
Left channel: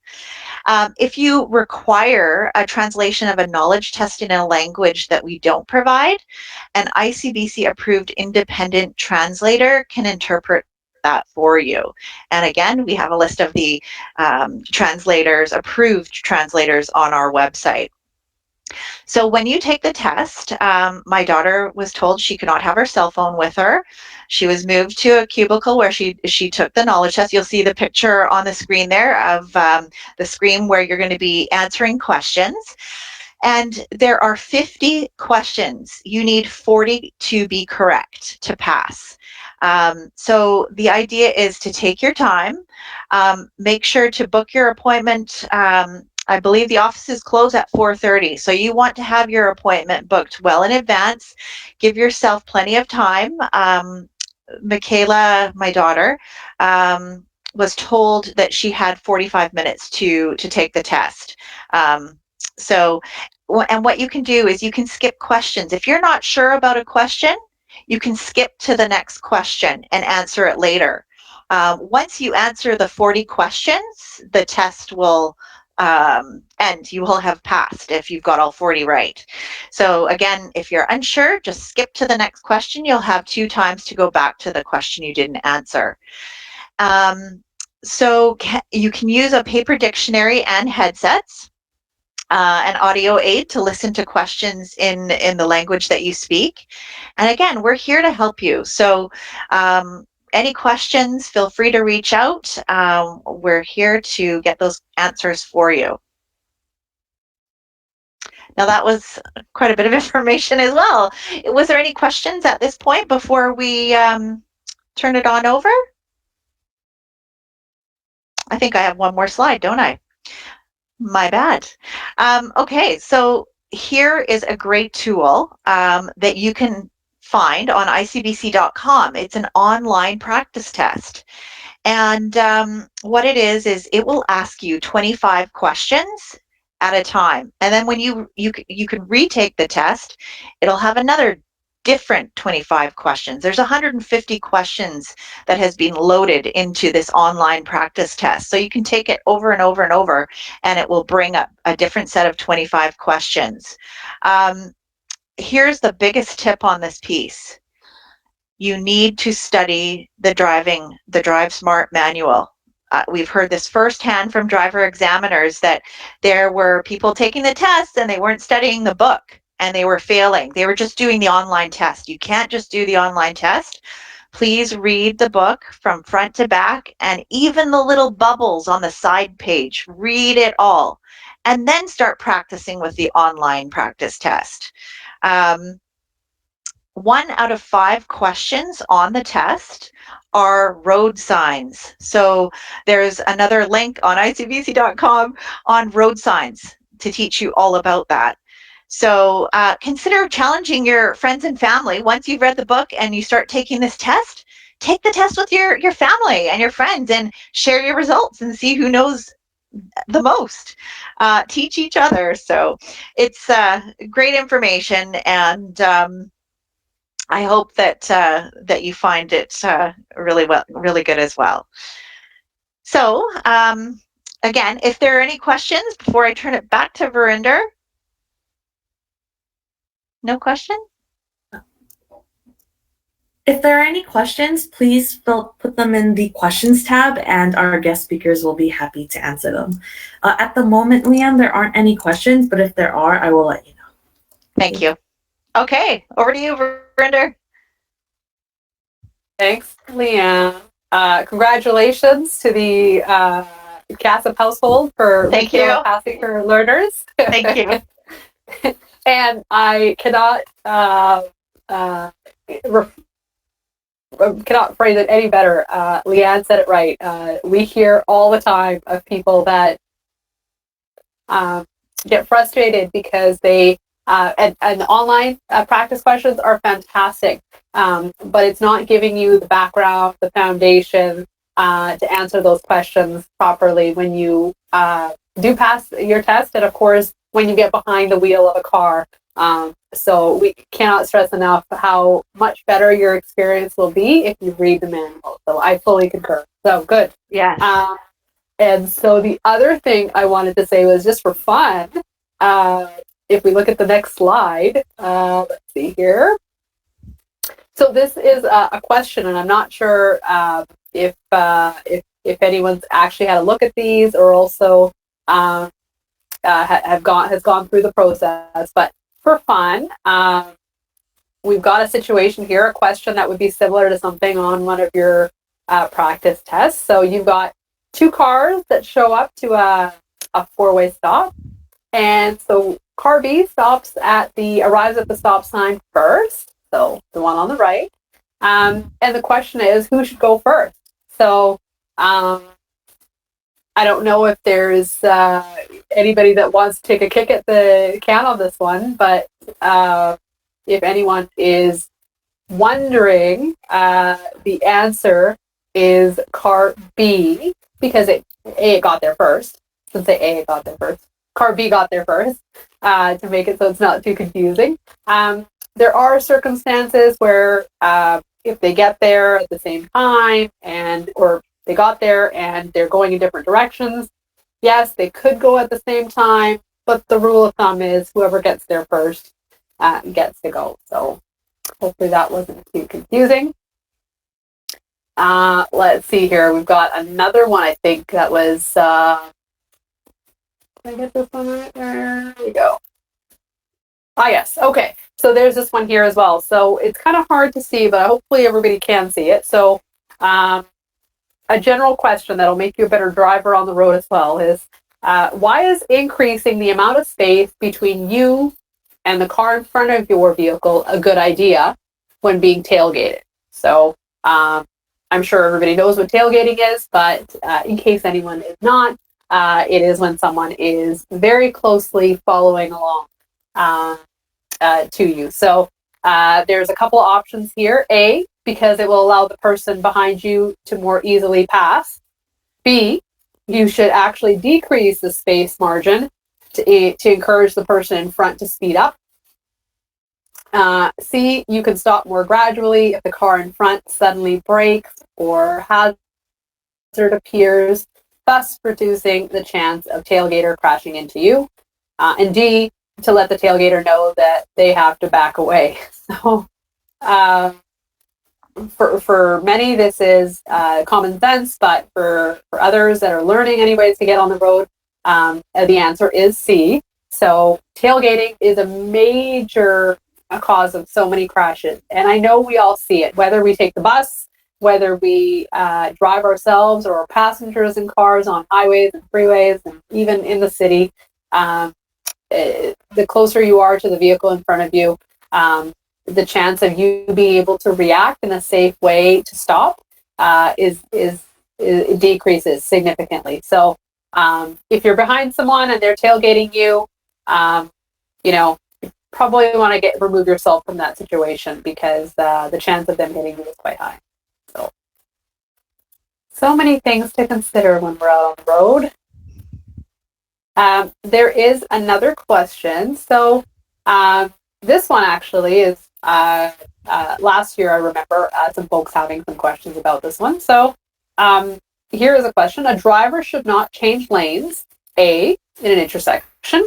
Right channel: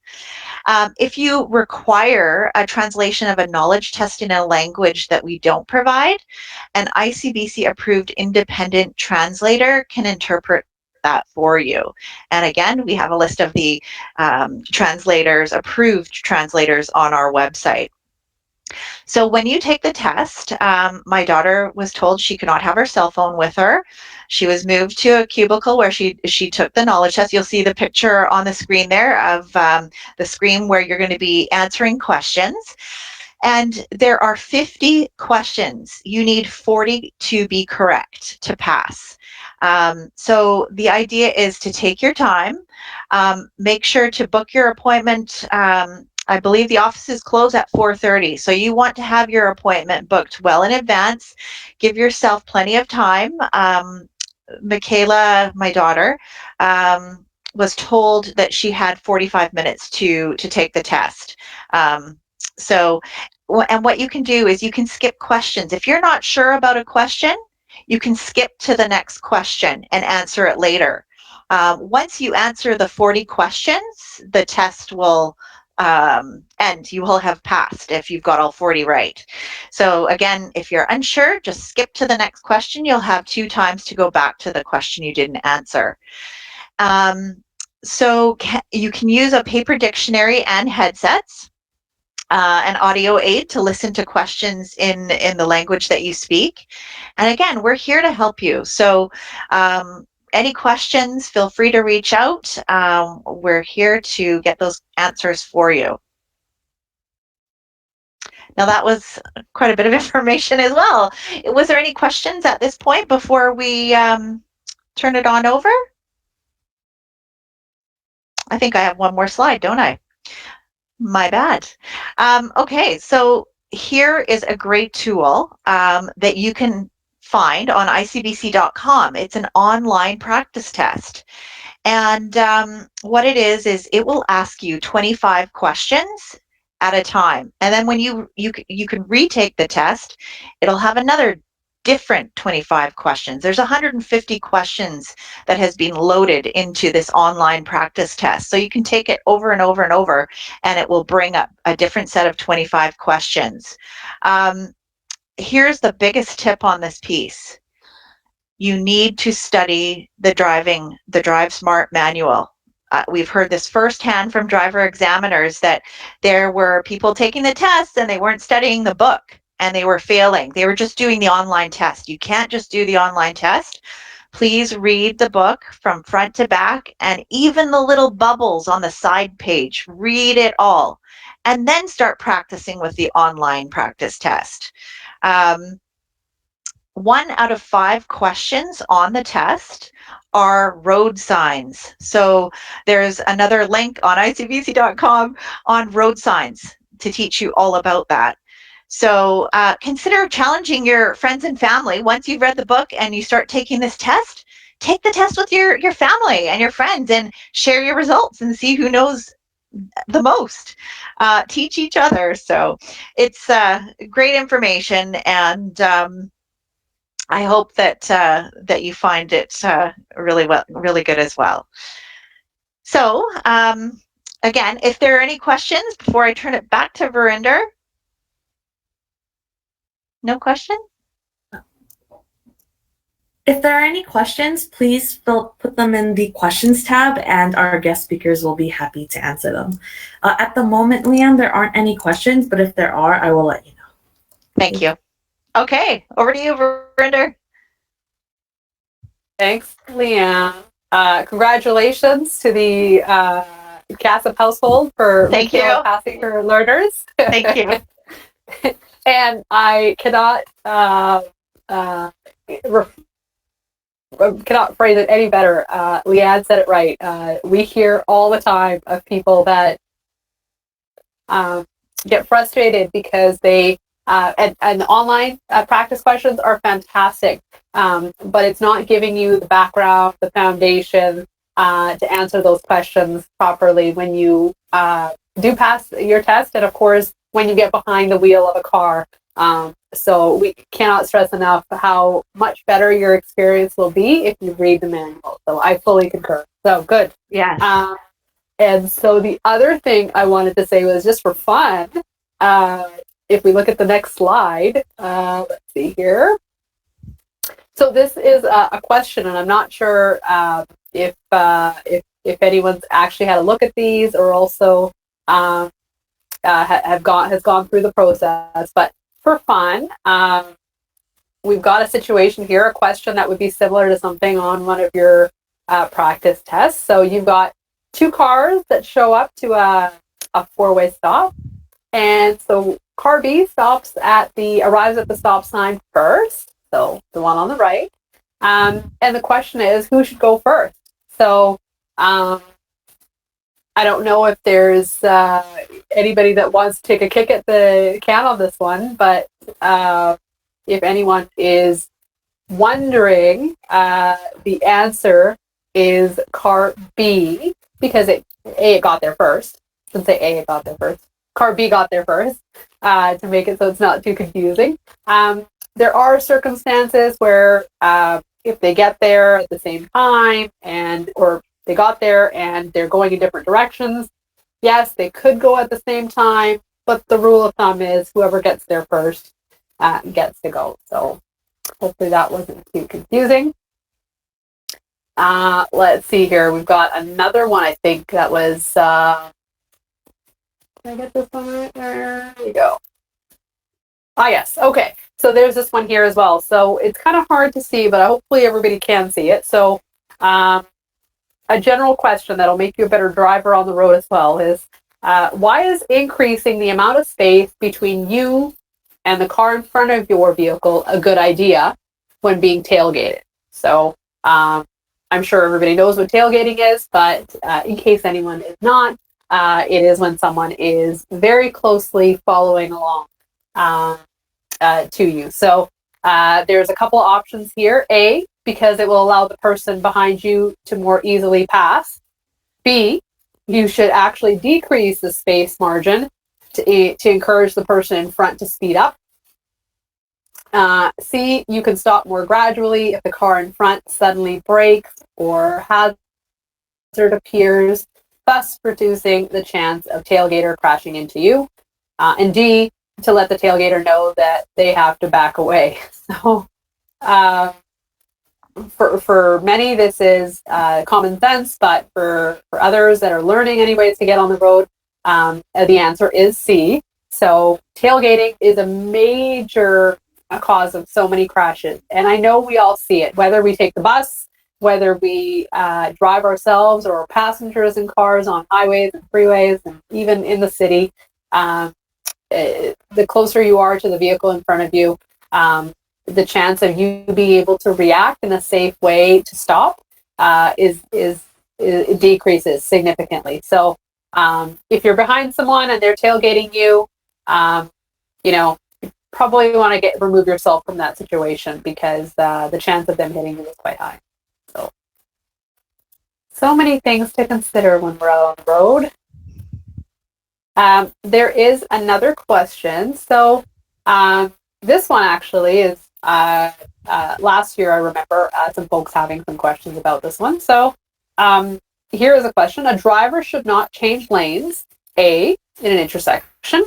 If you require a translation of a knowledge test in a language that we don't provide, an ICBC approved independent translator can interpret that for you. And again, we have a list of the approved translators on our website. So when you take the test, my daughter was told she could not have her cell phone with her. She was moved to a cubicle where she took the knowledge test. You'll see the picture on the screen there of the screen where you're going to be answering questions. And there are 50 questions. You need 40 to be correct to pass. So the idea is to take your time, make sure to book your appointment. I believe the offices close at 4:30, so you want to have your appointment booked well in advance. Give yourself plenty of time. Michaela, my daughter, was told that she had 45 minutes to take the test. So and what you can do is you can skip questions. If you're not sure about a question, you can skip to the next question and answer it later. Once you answer the 40 questions, the test will end. You will have passed if you've got all 40 right. So again, if you're unsure, just skip to the next question. You'll have 2 times to go back to the question you didn't answer. So you can use a paper dictionary and headsets, an audio aid to listen to questions in the language that you speak. And again, we're here to help you. So any questions, feel free to reach out. We're here to get those answers for you. Now that was quite a bit of information as well. Was there any questions at this point before we turn it on over? I think I have one more slide, don't I? My bad. Okay, so here is a great tool that you can find on icbc.com. It's an online practice test. And what it is it will ask you 25 questions at a time. And then when you can retake the test, it'll have another different 25 questions. There's 150 questions that has been loaded into this online practice test. So you can take it over and over and over, and it will bring up a different set of 25 questions. Here's the biggest tip on this piece. You need to study the Drive Smart manual. We've heard this firsthand from driver examiners that there were people taking the tests and they weren't studying the book and they were failing. They were just doing the online test. You can't just do the online test. Please read the book from front to back, and even the little bubbles on the side page. Read it all and then start practicing with the online practice test. 1 out of 5 questions on the test are road signs. So there's another link on icbc.com on road signs to teach you all about that. So consider challenging your friends and family. Once you've read the book and you start taking this test, take the test with your family and your friends and share your results and see who knows the most. Teach each other. So it's great information, and I hope that that you find it really good as well. So again, if there are any questions before I turn it back to Verinder. No question? If there are any questions, please put them in the questions tab, and our guest speakers will be happy to answer them. At the moment, Leanne, there aren't any questions, but if there are, I will let you know. Thank you. Okay, over to you, Verinder. Thanks, Leanne. Congratulations to the CASP household for passing her learners. Thank you. And I cannot phrase it any better. Leanne said it right. We hear all the time of people that get frustrated because they and online practice questions are fantastic, but it's not giving you the background, the foundation to answer those questions properly when you do pass your test, and of course when you get behind the wheel of a car. So we cannot stress enough how much better your experience will be if you read the manual. So I fully concur. So good. Yeah. And so the other thing I wanted to say was, just for fun, if we look at the next slide, let's see here. So this is a question, and I'm not sure if anyone's actually had a look at these or also has gone through the process. But for fun, we've got a situation here, a question that would be similar to something on one of your practice tests. So you've got 2 cars that show up to a 4-way stop, and so car B arrives at the stop sign first, so the one on the right, and the question is, who should go first? So I don't know if there's anybody that wants to take a kick at the can on this one, but if anyone is wondering, the answer is car B, because it got there first. I shouldn't say A, it got there first. car B got there first, to make it so it's not too confusing. There are circumstances where if they get there at the same time or they got there and they're going in different directions, yes, they could go at the same time, but the rule of thumb is whoever gets there first gets to go. So hopefully that wasn't too confusing. Let's see here. We've got another one, I think, that was... Did I get this one right? There we go. Yes. Okay. So there's this one here as well. So it's kind of hard to see, but hopefully everybody can see it. So a general question that'll make you a better driver on the road as well is, why is increasing the amount of space between you and the car in front of your vehicle a good idea when being tailgated? So I'm sure everybody knows what tailgating is, but in case anyone is not, it is when someone is very closely following along to you. So there's a couple of options here. A, because it will allow the person behind you to more easily pass. B, you should actually decrease the space margin to encourage the person in front to speed up. C, you can stop more gradually if the car in front suddenly brakes or hazard appears, thus reducing the chance of tailgater crashing into you. And D, to let the tailgater know that they have to back away. So for many, this is common sense, but for others that are learning any ways to get on the road, the answer is C. So tailgating is a major cause of so many crashes. And I know we all see it, whether we take the bus, whether we drive ourselves or passengers in cars on highways and freeways, and even in the city. The closer you are to the vehicle in front of you, the chance of you being able to react in a safe way to stop it decreases significantly. So if you're behind someone and they're tailgating you, you probably want to remove yourself from that situation, because the chance of them hitting you is quite high. So many things to consider when we're out on the road. There is another question. So this one actually is last year. I remember some folks having some questions about this one. So here is a question. A driver should not change lanes, A, in an intersection,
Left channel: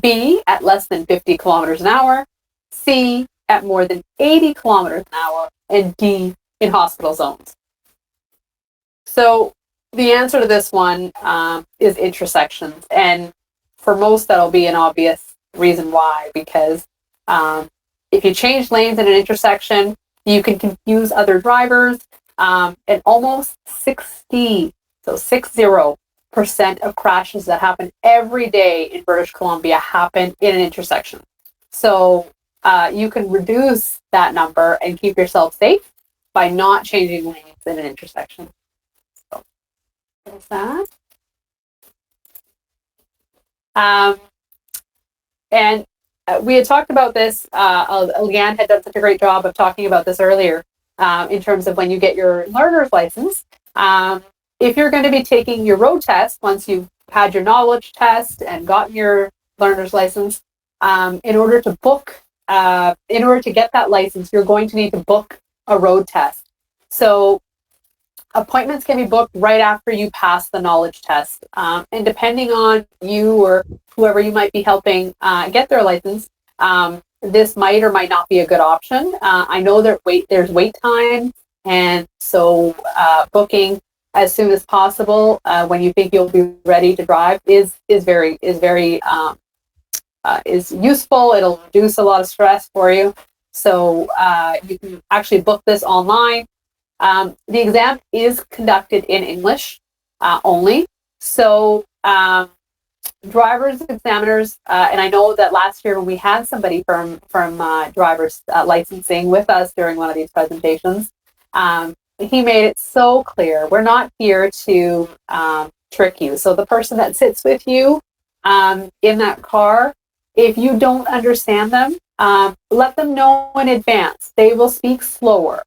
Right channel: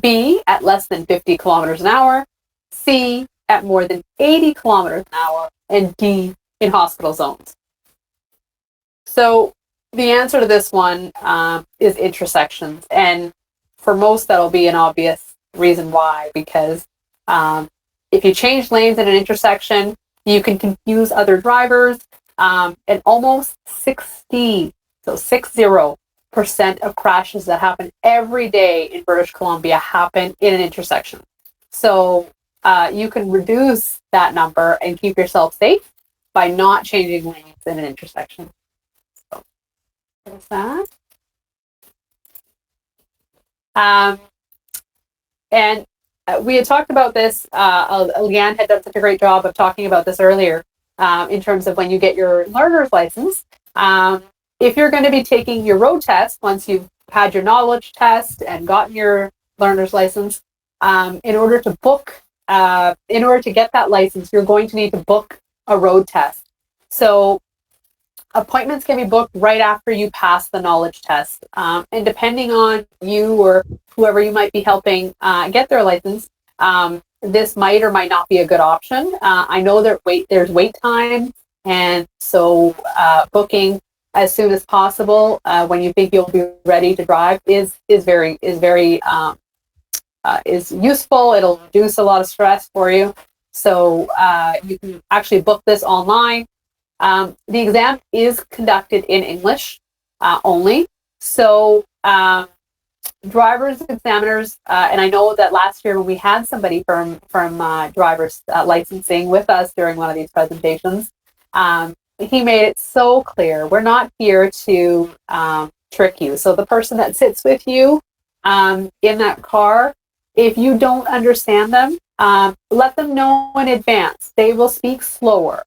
B, at less than 50 kilometers an hour, C, at more than 80 kilometers an hour, and D, in hospital zones. So the answer to this one is intersections. And for most, that'll be an obvious reason why, because if you change lanes in an intersection, you can confuse other drivers, and almost 60% of crashes that happen every day in British Columbia happen in an intersection. So you can reduce that number and keep yourself safe by not changing lanes in an intersection. So there's that. And we had talked about this. Leanne had done such a great job of talking about this earlier in terms of when you get your learner's license. If you're going to be taking your road test, once you've had your knowledge test and gotten your learner's license, in order to get that license, you're going to need to book a road test. So appointments can be booked right after you pass the knowledge test. And depending on you or whoever you might be helping get their license, this might or might not be a good option. I know there's wait time, and so booking as soon as possible when you think you'll be ready to drive is useful. It'll reduce a lot of stress for you. So you can actually book this online. The exam is conducted in English only. So drivers, examiners, and I know that last year when we had somebody from driver's licensing with us during one of these presentations, he made it so clear, we're not here to trick you. So the person that sits with you in that car, if you don't understand them, let them know in advance. They will speak slower.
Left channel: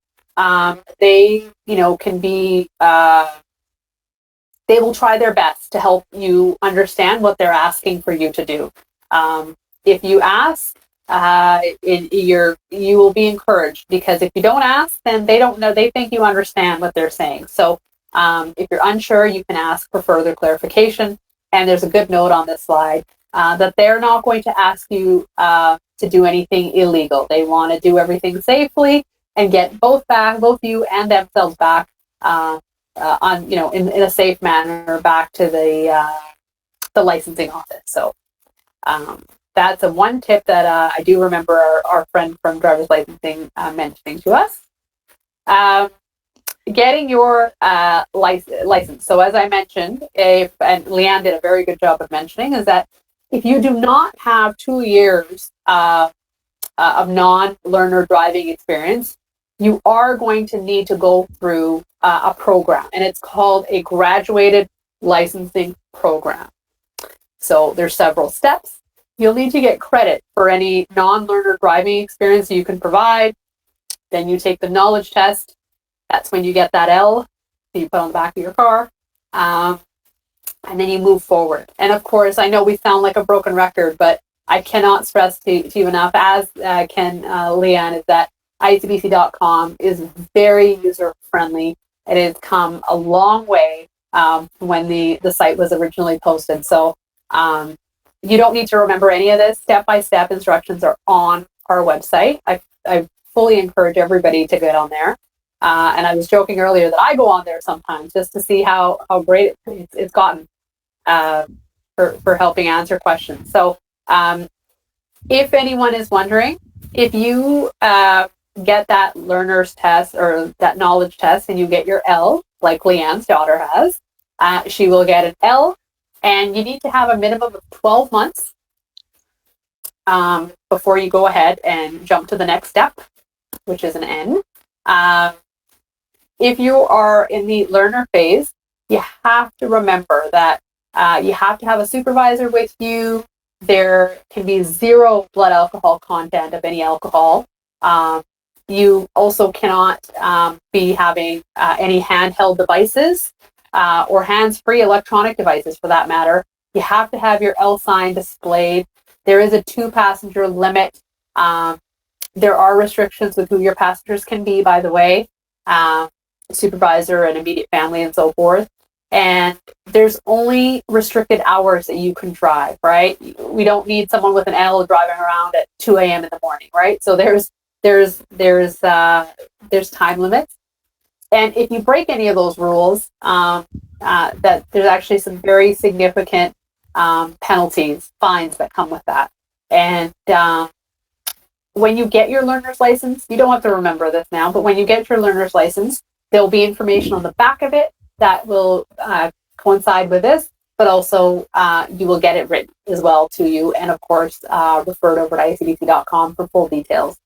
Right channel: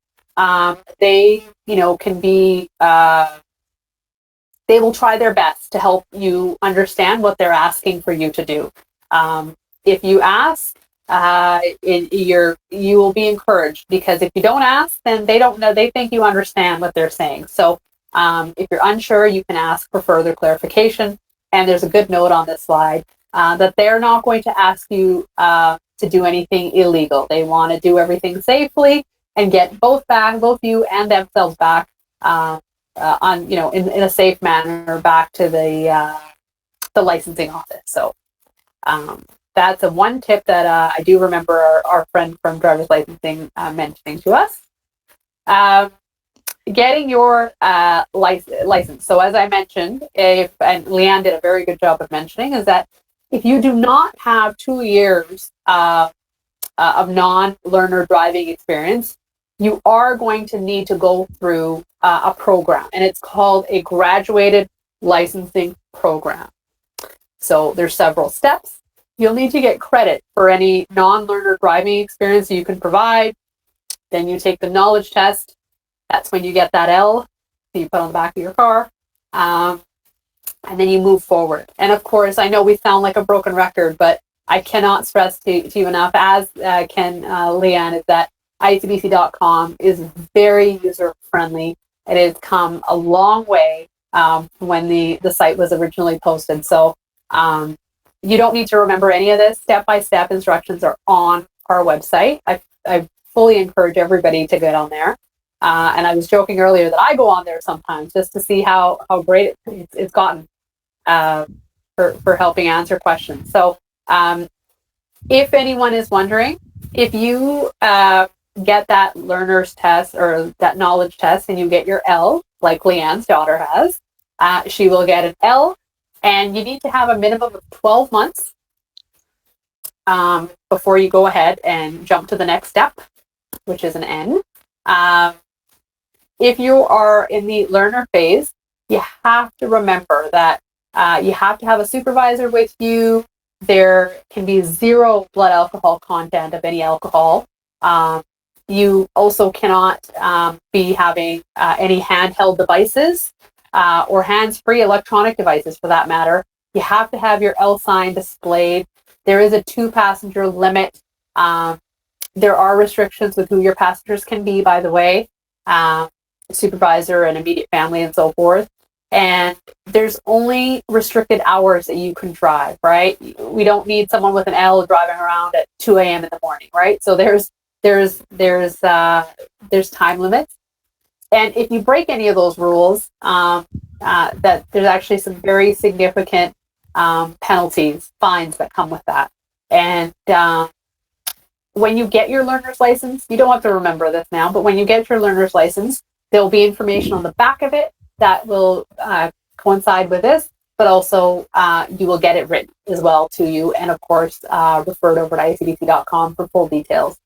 They can be, they will try their best to help you understand what they're asking for you to do. If you ask, you will be encouraged, because if you don't ask, then they don't know. They think you understand what they're saying. So if you're unsure, you can ask for further clarification. And there's a good note on this slide that they're not going to ask you to do anything illegal. They want to do everything safely and get both you and themselves back in a safe manner back to the licensing office. So that's one tip that I do remember our friend from driver's licensing mentioning to us. Getting your license. So as I mentioned, and Leanne did a very good job of mentioning, is that if you do not have 2 years of non-learner driving experience, you are going to need to go through a program, and it's called a graduated licensing program. So there's several steps. You'll need to get credit for any non-learner driving experience you can provide. Then you take the knowledge test. That's when you get that L that you put on the back of your car. And then you move forward. And of course, I know we sound like a broken record, but I cannot stress to you enough, as can Leanne, is that icbc.com is very user-friendly. It has come a long way when the site was originally posted. So you don't need to remember any of this. Step-by-step instructions are on our website. I fully encourage everybody to get on there. And I was joking earlier that I go on there sometimes just to see how great it's gotten for helping answer questions. So if anyone is wondering, if you get that learner's test or that knowledge test and you get your L, like Leanne's daughter has, she will get an L, and you need to have a minimum of 12 months before you go ahead and jump to the next step, which is an N. If you are in the learner phase, you have to remember that you have to have a supervisor with you. There can be 0 blood alcohol content of any alcohol. You also cannot be having any handheld devices or hands-free electronic devices, for that matter. You have to have your L sign displayed. There is a 2-passenger limit. There are restrictions with who your passengers can be, by the way. Supervisor and immediate family and so forth. And there's only restricted hours that you can drive, right? We don't need someone with an L driving around at 2 a.m. in the morning, right? So there's time limits. And if you break any of those rules, that there's actually some very significant penalties, fines that come with that. And when you get your learner's license, you don't have to remember this now, but when you get your learner's license, there'll be information on the back of it that will coincide with this, but also you will get it written as well to you, and of course referred over to icbc.com for full details.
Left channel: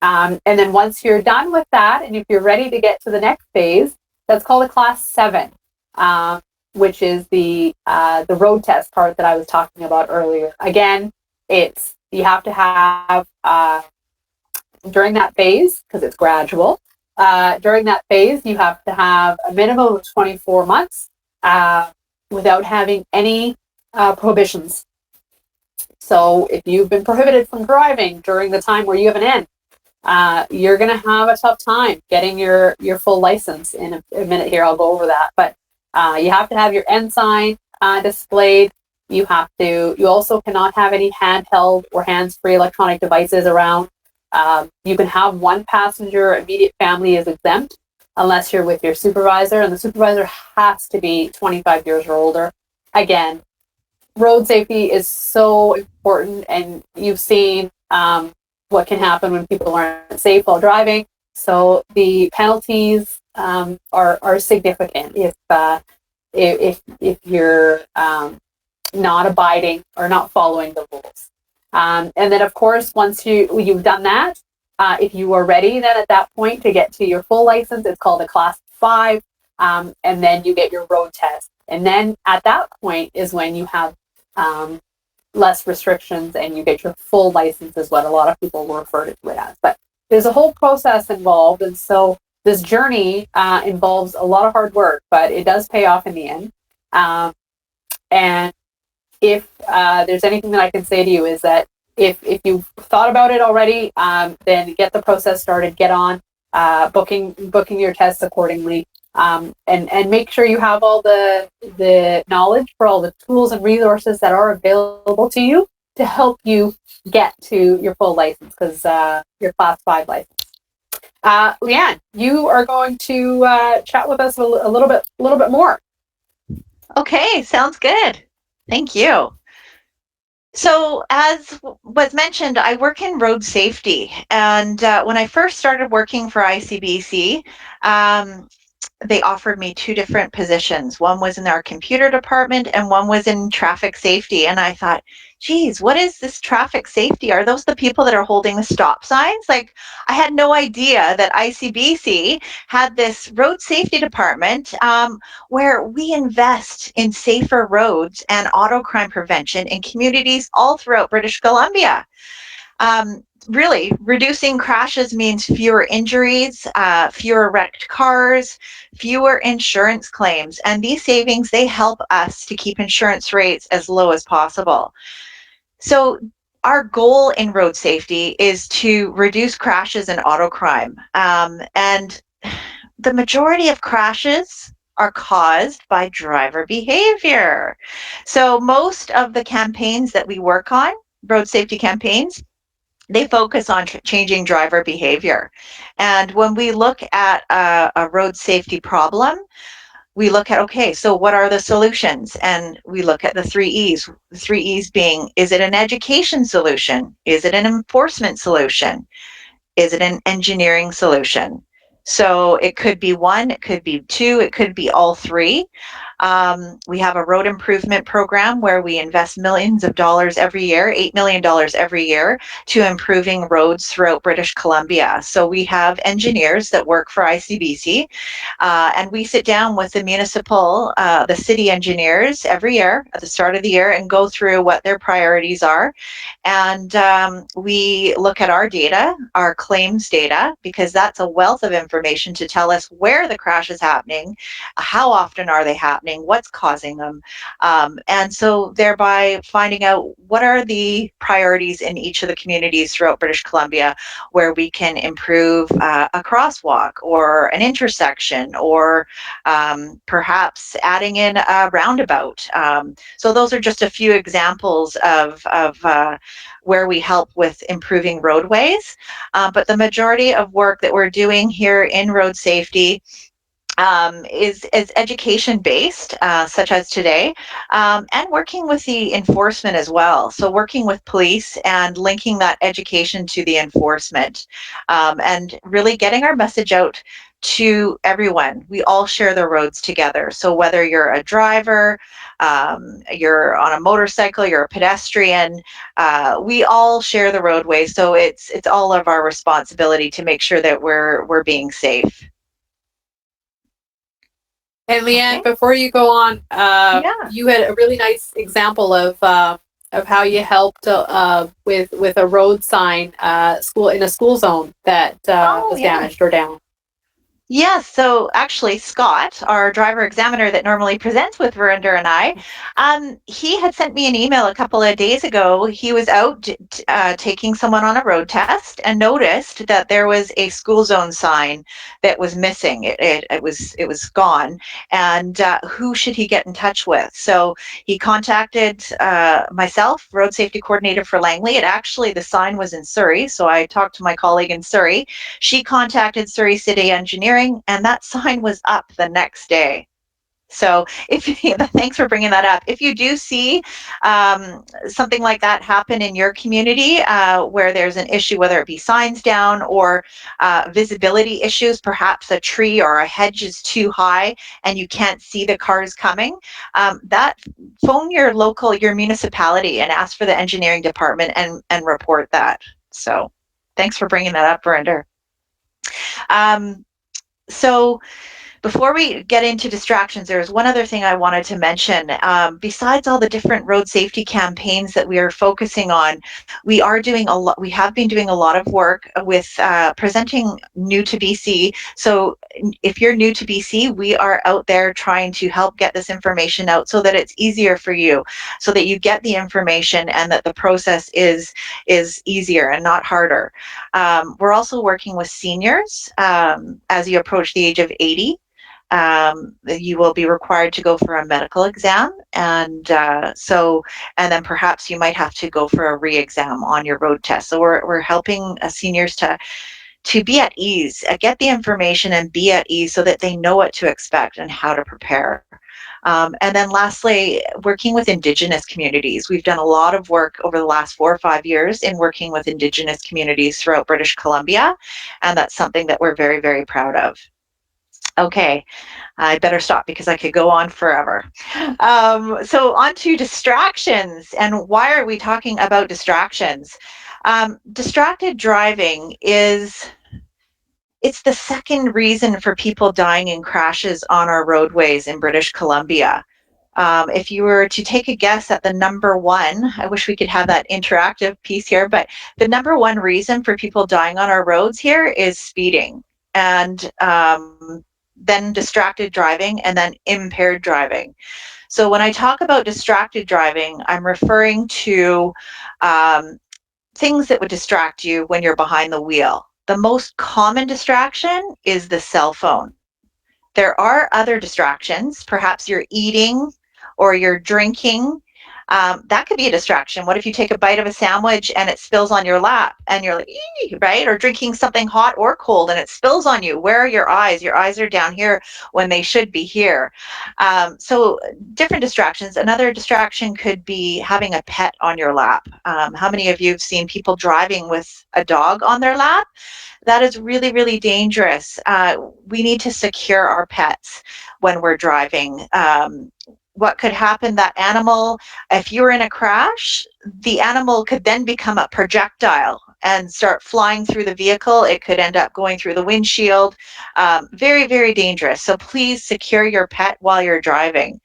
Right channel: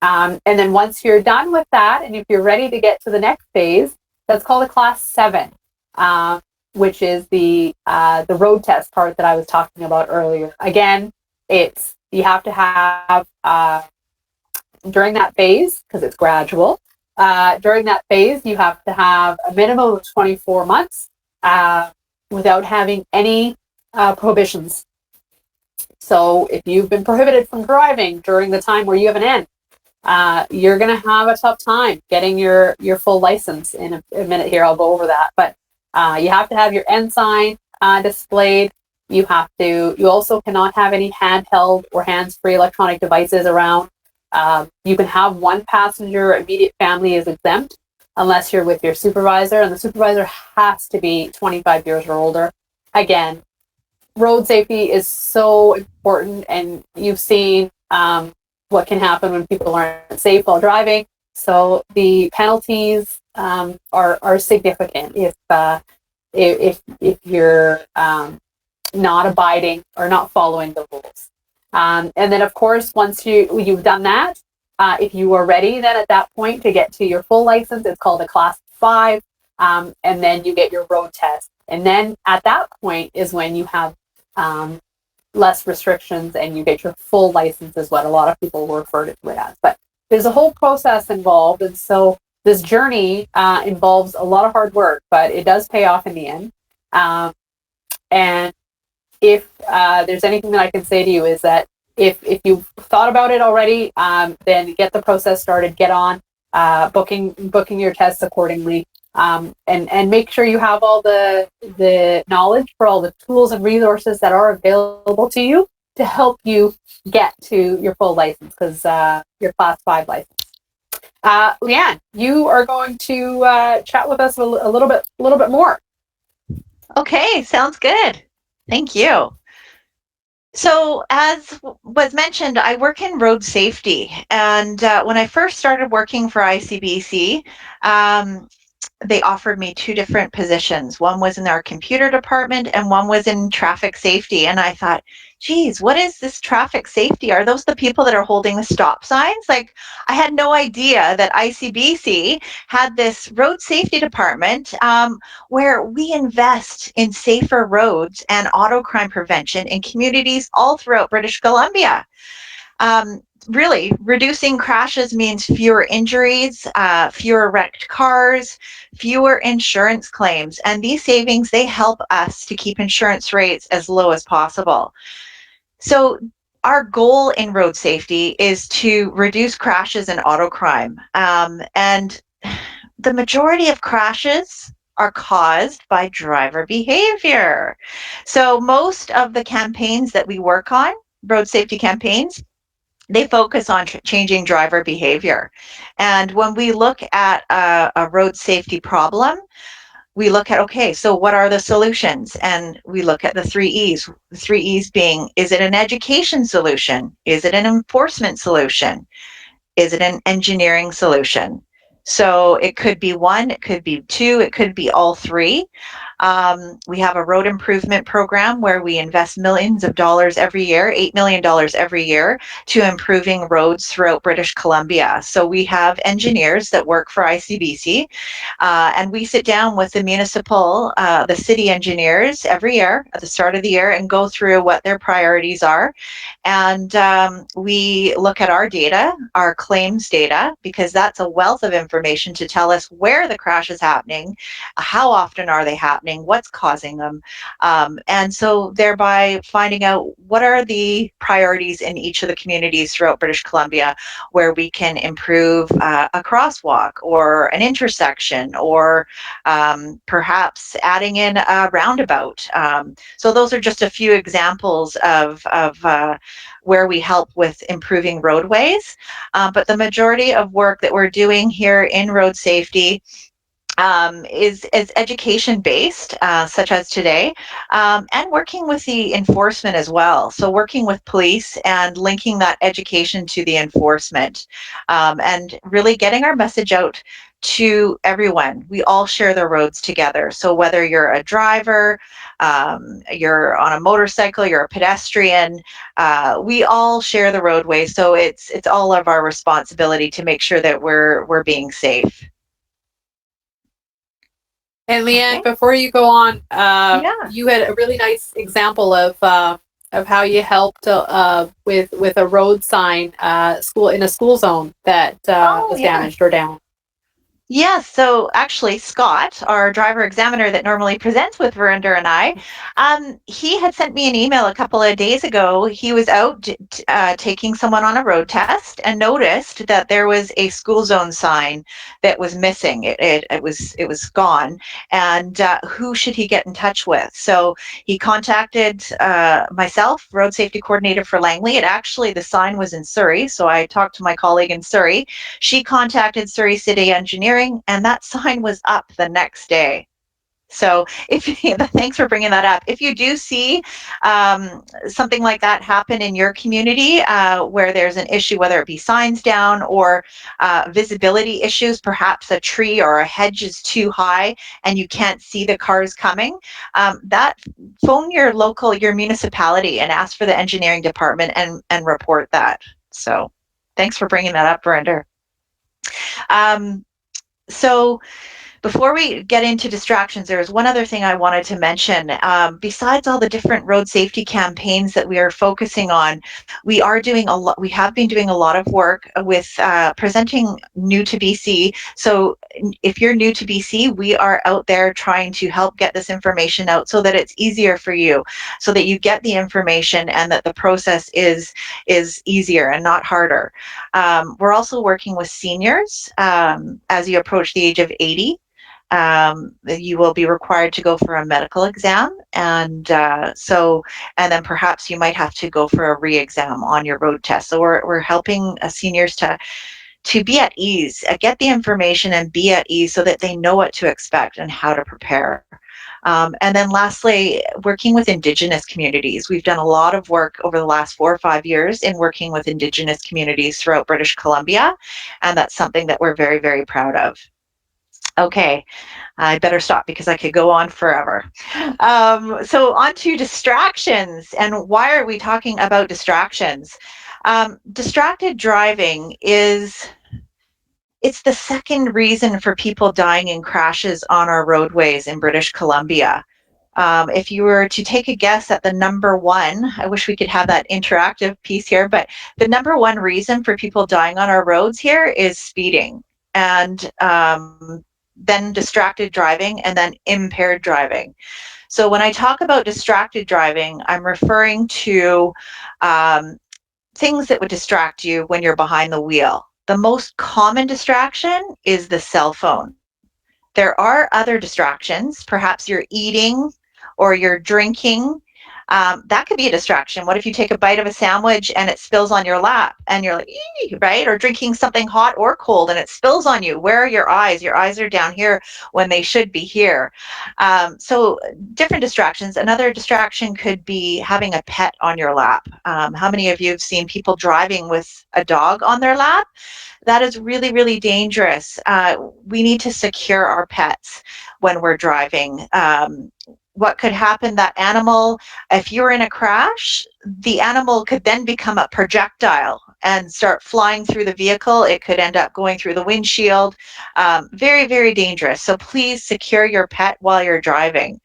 And then once you're done with that, and if you're ready to get to the next phase, that's called a Class 7, which is the road test part that I was talking about earlier. Again, you have to have during that phase, because it's gradual. During that phase, you have to have a minimum of 24 months without having any prohibitions. So if you've been prohibited from driving during the time where you have an N, you're going to have a tough time getting your full license. In a minute here, I'll go over that. But you have to have your N sign displayed. You also cannot have any handheld or hands-free electronic devices around. You can have 1 passenger. Immediate family is exempt unless you're with your supervisor, and the supervisor has to be 25 years or older. Again, road safety is so important, and you've seen what can happen when people aren't safe while driving. So the penalties are significant if you're not abiding or not following the rules. And then, of course, once you've done that, if you are ready, then at that point to get to your full license, it's called a Class 5, and then you get your road test. And then at that point is when you have less restrictions and you get your full license, is what a lot of people will refer to it as. But there's a whole process involved, and so this journey involves a lot of hard work, but it does pay off in the end. And if there's anything that I can say to you is that if you've thought about it already, then get the process started, get on booking your tests accordingly, and make sure you have all the knowledge for all the tools and resources that are available to you to help you get to your full license, because your Class 5 license. Leanne, you are going to chat with us a little bit more. Okay, sounds good. Thank you. So, as was mentioned, I work in road safety. And when I first started working for ICBC, they offered me two different positions. One was in our computer department and one was in traffic safety. And I thought, geez, what is this traffic safety? Are those the people that are holding the stop signs? Like, I had no idea that ICBC had this road safety department where we invest in safer roads and auto crime prevention in communities all throughout British Columbia. Really, reducing crashes means fewer injuries, fewer wrecked cars, fewer insurance claims. And these savings, they help us to keep insurance rates as low as possible. So our goal in road safety is to reduce crashes and auto crime. And the majority of crashes are caused by driver behavior. So most of the campaigns that we work on, road safety campaigns, they focus on changing driver behavior. And when we look at a road safety problem, we look at, okay, so what are the solutions? And we look at the 3 E's. The 3 E's being, is it an education solution? Is it an enforcement solution? Is it an engineering solution? So it could be one, it could be two, it could be all three. We have a road improvement program where we invest millions of dollars every year, $8 million every year, to improving roads throughout British Columbia. So we have engineers that work for ICBC, and we sit down with the the city engineers every year at the start of the year and go through what their priorities are. And we look at our data, our claims data, because that's a wealth of information to tell us where the crash is happening, how often are they happening, what's causing them. And so thereby finding out what are the priorities in each of the communities throughout British Columbia where we can improve a crosswalk or an intersection, or perhaps adding in a roundabout. So those are just a few examples of where we help with improving roadways. But the majority of work that we're doing here in road safety is education based, such as today, and working with the enforcement as well. So working with police and linking that education to the enforcement, and really getting our message out to everyone. We all share the roads together. So whether you're a driver, you're on a motorcycle, you're a pedestrian, we all share the roadway. So it's all of our responsibility to make sure that we're being safe. And Leanne, Okay. before you go on, Yeah. you had a really nice example of how you helped with a road sign school in a school zone that was Yeah. damaged or down. Yes, so actually, Scott, our driver examiner that normally presents with Verinder and I, he had sent me an email a couple of days ago. He was out taking someone on a road test and noticed that there was a school zone sign that was missing. It was gone, and who should he get in touch with? So he contacted myself, road safety coordinator for Langley. The sign was in Surrey, so I talked to my colleague in Surrey. She contacted Surrey City Engineering, and that sign was up the next day. So thanks for bringing that up. If you do see something like that happen in your community, where there's an issue, whether it be signs down or visibility issues, perhaps a tree or a hedge is too high and you can't see the cars coming, that phone your municipality and ask for the engineering department and report that. So thanks for bringing that up, Verinder. So Before we get into distractions, there's one other thing I wanted to mention. Besides all the different road safety campaigns that we are focusing on, we are doing a lot. We have been doing a lot of work with presenting new to BC. So if you're new to BC, we are out there trying to help get this information out so that it's easier for you, so that you get the information and that the process is easier and not harder. We're also working with seniors as you approach the age of 80. You will be required to go for a medical exam, and and then perhaps you might have to go for a re-exam on your road test. So we're helping seniors to be at ease, get the information and be at ease so that they know what to expect and how to prepare. And then lastly, working with Indigenous communities. We've done a lot of work over the last 4 or 5 years in working with Indigenous communities throughout British Columbia, and that's something that we're very, very proud of. Okay, I better stop because I could go on forever. So on to distractions, and why are we talking about distractions? Distracted driving it's the second reason for people dying in crashes on our roadways in British Columbia. If you were to take a guess at the number one, I wish we could have that interactive piece here, but the number one reason for people dying on our roads here is speeding, and then distracted driving, and then impaired driving. So when I talk about distracted driving, I'm referring to um, things that would distract you when you're behind the wheel. The most common distraction is the cell phone. There are other distractions. Perhaps you're eating or you're drinking. That could be a distraction. What if you take a bite of a sandwich and it spills on your lap and you're like, ee, right? Or drinking something hot or cold and it spills on you. Where are your eyes? Your eyes are down here when they should be here. So different distractions. Another distraction could be having a pet on your lap. How many of you have seen people driving with a dog on their lap? That is really, really dangerous. We need to secure our pets when we're driving. What could happen, that animal, if you're in a crash, the animal could then become a projectile and start flying through the vehicle. It could end up going through the windshield. Very, very dangerous. So please secure your pet while you're driving.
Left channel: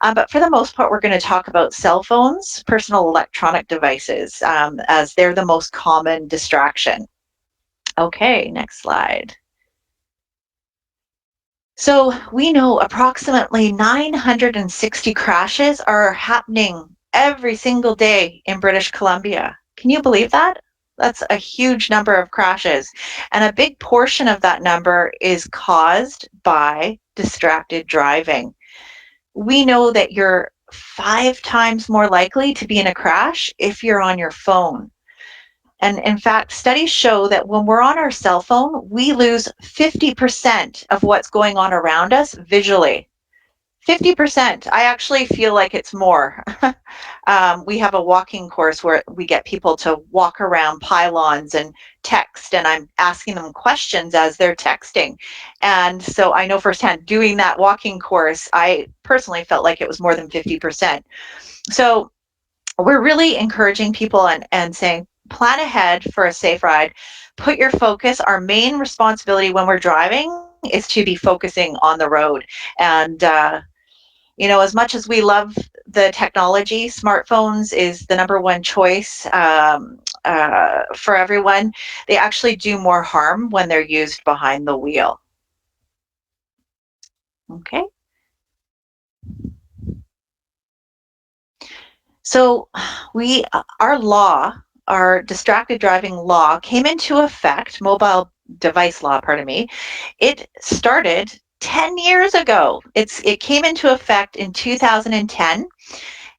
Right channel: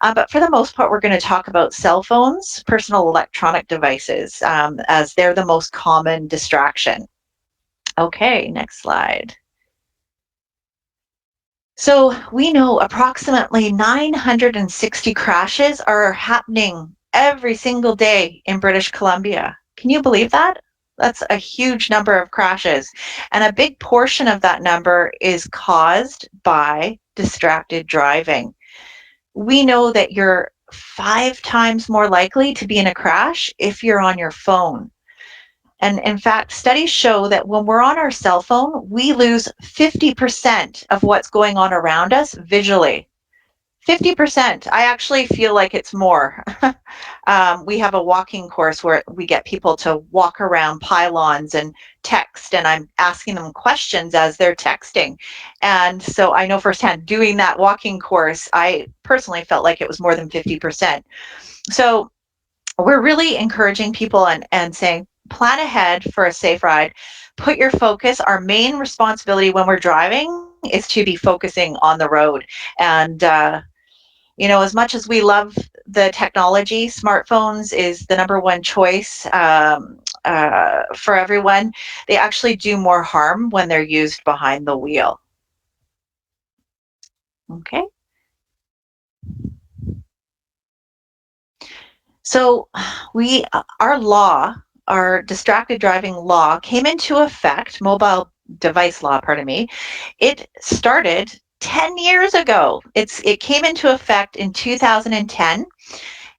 But for the most part, we're going to talk about cell phones, personal electronic devices, as they're the most common distraction. Okay, next slide. So we know approximately 960 crashes are happening every single day in British Columbia. Can you believe that? That's a huge number of crashes. And a big portion of that number is caused by distracted driving. We know that you're 5 times more likely to be in a crash if you're on your phone. And in fact, studies show that when we're on our cell phone, we lose 50% of what's going on around us visually. 50%. I actually feel like it's more. We have a walking course where we get people to walk around pylons and text, and I'm asking them questions as they're texting. And so I know firsthand, doing that walking course, I personally felt like it was more than 50%. So we're really encouraging people and saying, plan ahead for a safe ride. Put your focus. Our main responsibility when we're driving is to be focusing on the road. And, as much as we love the technology, smartphones is the number one choice for everyone. They actually do more harm when they're used behind the wheel. Okay. So our distracted driving law came into effect, mobile device law, pardon me. It started 10 years ago. It came into effect in 2010.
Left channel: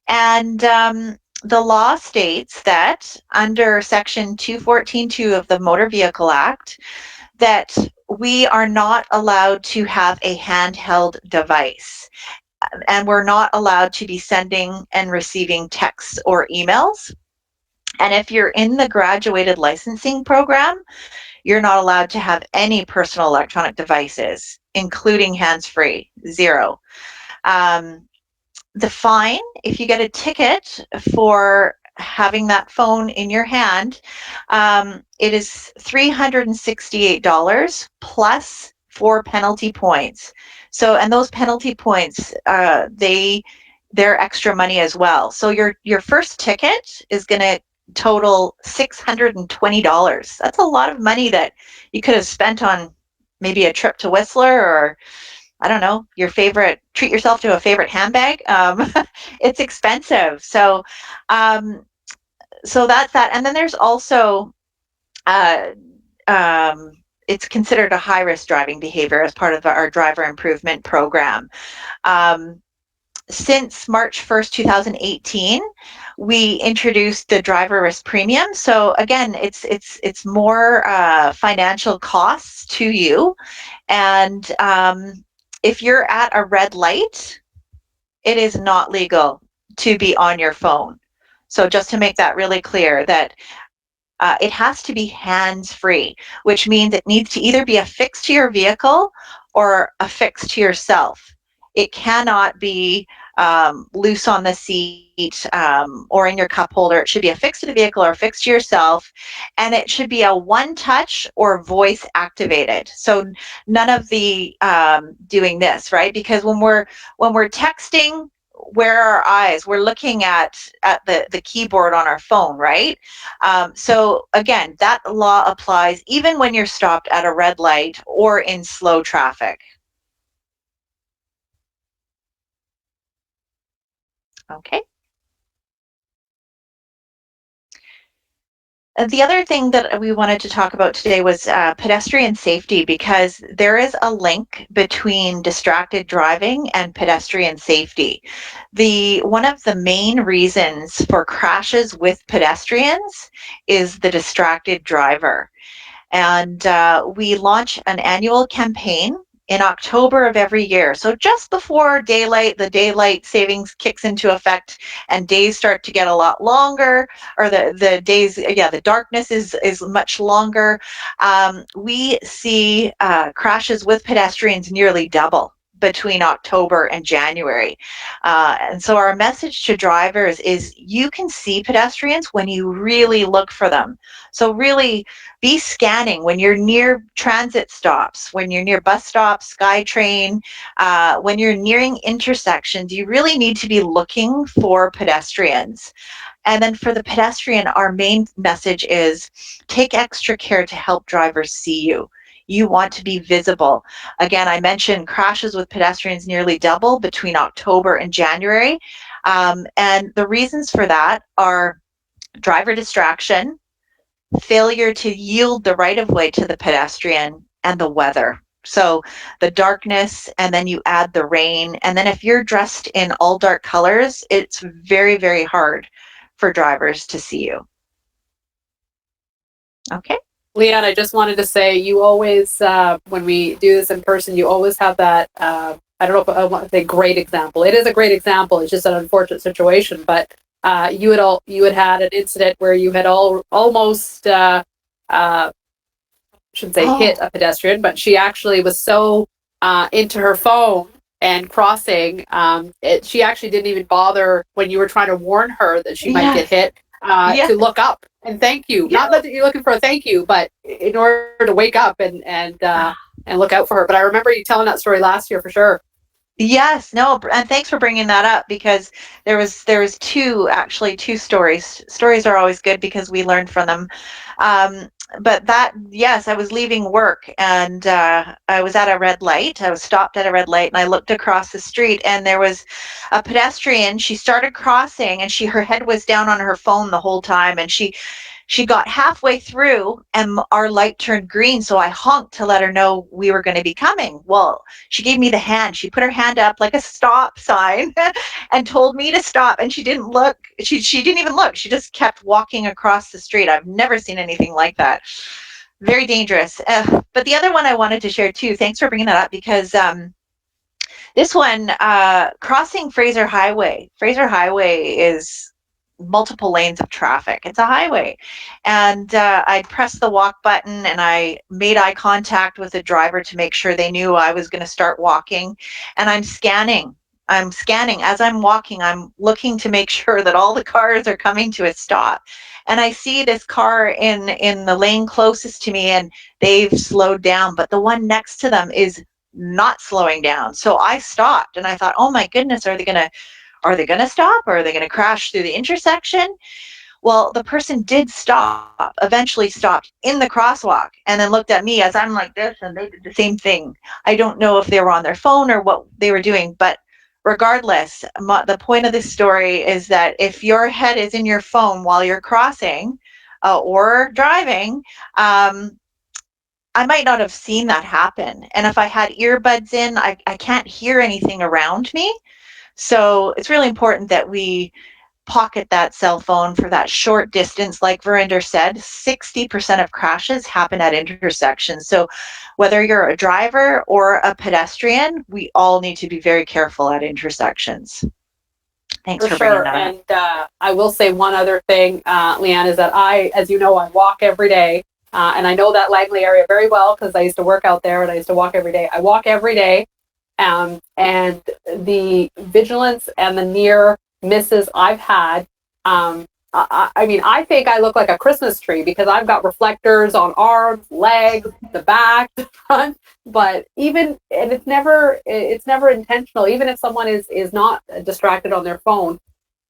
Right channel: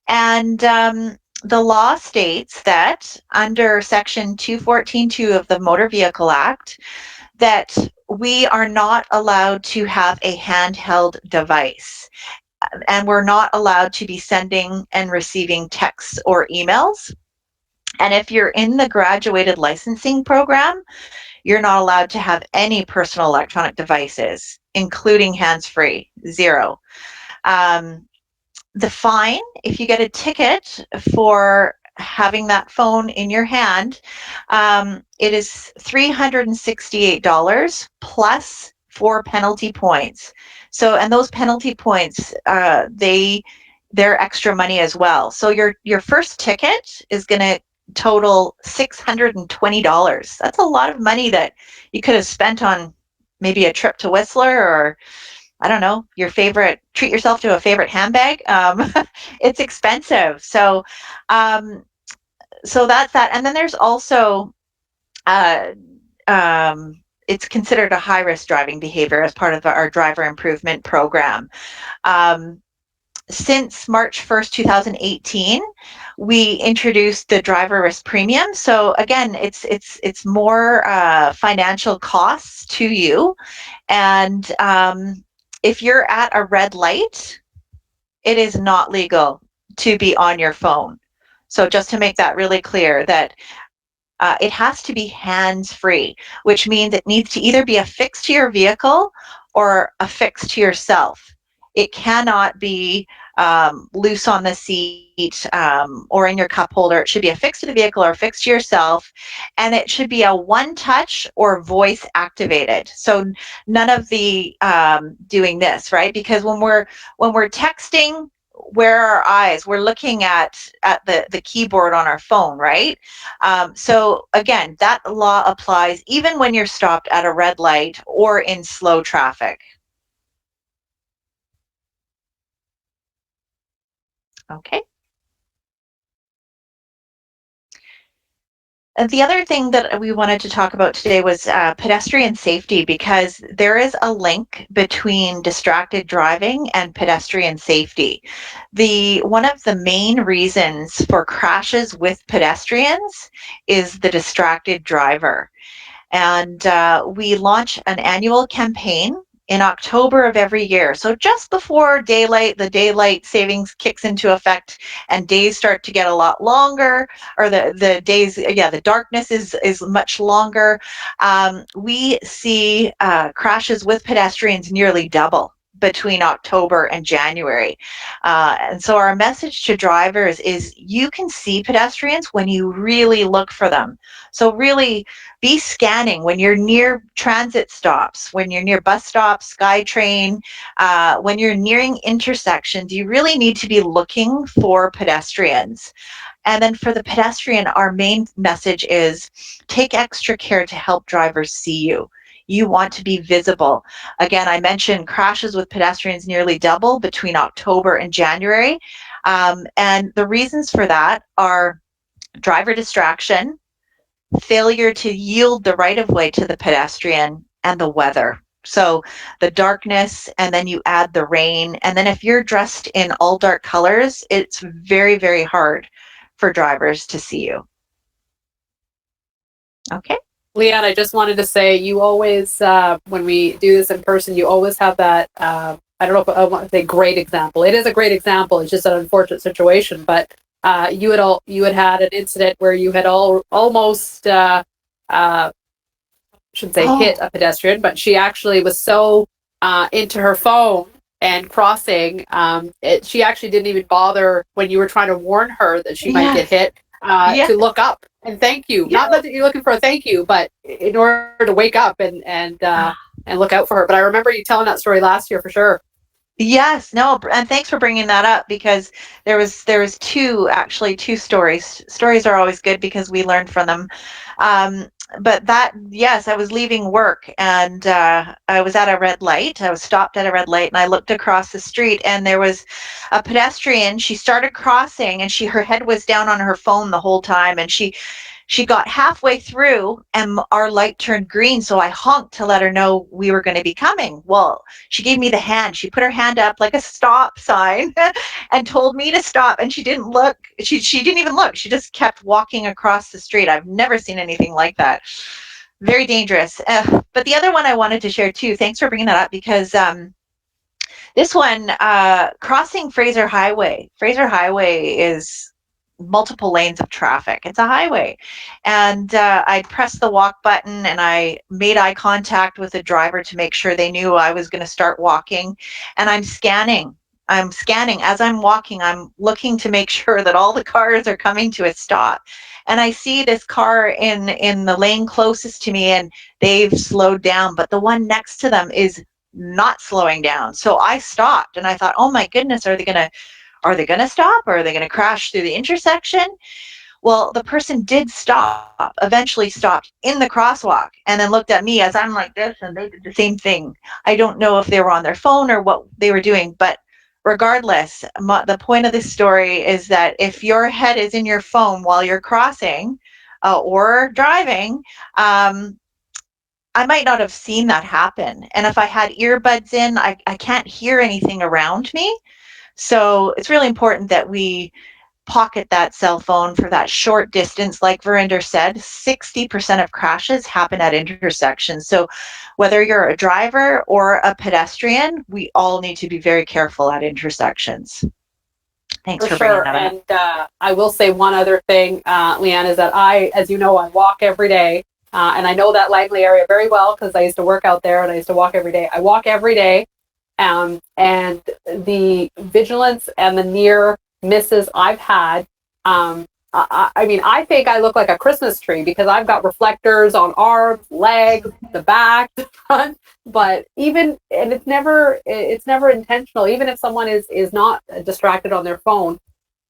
And the law states that under Section 214.2 of the Motor Vehicle Act, that we are not allowed to have a handheld device, and we're not allowed to be sending and receiving texts or emails. And if you're in the graduated licensing program, you're not allowed to have any personal electronic devices, including hands-free, zero. The fine, if you get a ticket for having that phone in your hand, it is $368 plus 4 penalty points. So, and those penalty points, they're extra money as well. So your first ticket is going to total $620. That's a lot of money that you could have spent on maybe a trip to Whistler, or I don't know, treat yourself to a favorite handbag. It's expensive. Um, so that's that. And then there's also, uh, it's considered a high risk driving behavior as part of our driver improvement program. Um, since March 1st, 2018, we introduced the driver risk premium. So again, it's more financial costs to you. And if you're at a red light, it is not legal to be on your phone. So just to make that really clear, that it has to be hands-free, which means it needs to either be affixed to your vehicle or affixed to yourself. It cannot be loose on the seat or in your cup holder. It should be affixed to the vehicle or affixed to yourself, and it should be a one-touch or voice activated. So none of the doing this, right? Because when we're texting, where are our eyes? We're looking at the keyboard on our phone, right? So again, that law applies even when you're stopped at a red light or in slow traffic. Okay. And the other thing that we wanted to talk about today was pedestrian safety, because there is a link between distracted driving and pedestrian safety. One of the main reasons for crashes with pedestrians is the distracted driver. And we launch an annual campaign in October of every year. So just before the daylight savings kicks into effect and days start to get a lot longer, or the days, the darkness is much longer. We see crashes with pedestrians nearly double between October and January. And so our message to drivers is you can see pedestrians when you really look for them. So really be scanning when you're near transit stops, when you're near bus stops, SkyTrain, when you're nearing intersections. You really need to be looking for pedestrians. And then for the pedestrian, our main message is take extra care to help drivers see you. You want to be visible. Again, I mentioned crashes with pedestrians nearly double between October and January. And the reasons for that are driver distraction, failure to yield the right of way to the pedestrian, and the weather. So the darkness, and then you add the rain. And then if you're dressed in all dark colors, it's very, very hard for drivers to see you. Okay. Leanne, I just wanted to say, you always, when we do this in person, you always have that, I don't know if I want to say great example. It is a great example. It's just an unfortunate situation, but you had an incident where you had almost, shouldn't say hit a pedestrian, but she actually was so into her phone and crossing, she actually didn't even bother when you were trying to warn her that she might get hit to look up and thank you. Not that you're looking for a thank you, but in order to wake up and look out for her. But I remember you telling that story last year for sure. Yes, no, and thanks for bringing that up, because there was two stories. Stories are always good because we learn from them. But yes, I was leaving work, and I was at a red light. I was stopped at a red light, and I looked across the street, and there was a pedestrian. She started crossing, and her head was down on her phone the whole time, and she got halfway through and our light turned green. So I honked to let her know we were going to be coming. Well, she gave me the hand. She put her hand up like a stop sign and told me to stop. And she didn't look. She didn't even look. She just kept walking across the street. I've never seen anything like that. Very dangerous. But the other one I wanted to share too, thanks for bringing that up, because this one, crossing Fraser Highway. Fraser Highway is multiple lanes of traffic. It's a highway. And I pressed the walk button, and I made eye contact with the driver to make sure they knew I was going to start walking. And I'm scanning I'm scanning as I'm walking. I'm looking to make sure that all the cars are coming to a stop. And I see this car in the lane closest to me, and they've slowed down, but the one next to them is not slowing down. So I stopped and I thought, oh my goodness, are they going to stop, or are they going to crash through the intersection? Well, the person did stop, eventually stopped in the crosswalk, and then looked at me as I'm like this, and they did the same thing. I don't know if they were on their phone or what they were doing, but regardless, the point of this story is that if your head is in your phone while you're crossing or driving, um, I might not have seen that happen. And if I had earbuds in, I can't hear anything around me. So it's really important that we pocket that cell phone for that short distance. Like Verinder said, 60% of crashes happen at intersections. So whether you're a driver or a pedestrian, we all need to be very careful at intersections. Thanks for bringing sure. that up. And I will say one other thing, Leanne, is that as you know, I walk every day. And I know that Langley area very well because I used to work out there and I used to walk every day. I walk every day. And the vigilance and the near misses I've had, I mean, I think I look like a Christmas tree because I've got reflectors on arms, legs, the back, the front. But and it's never intentional. Even if someone is not distracted on their phone,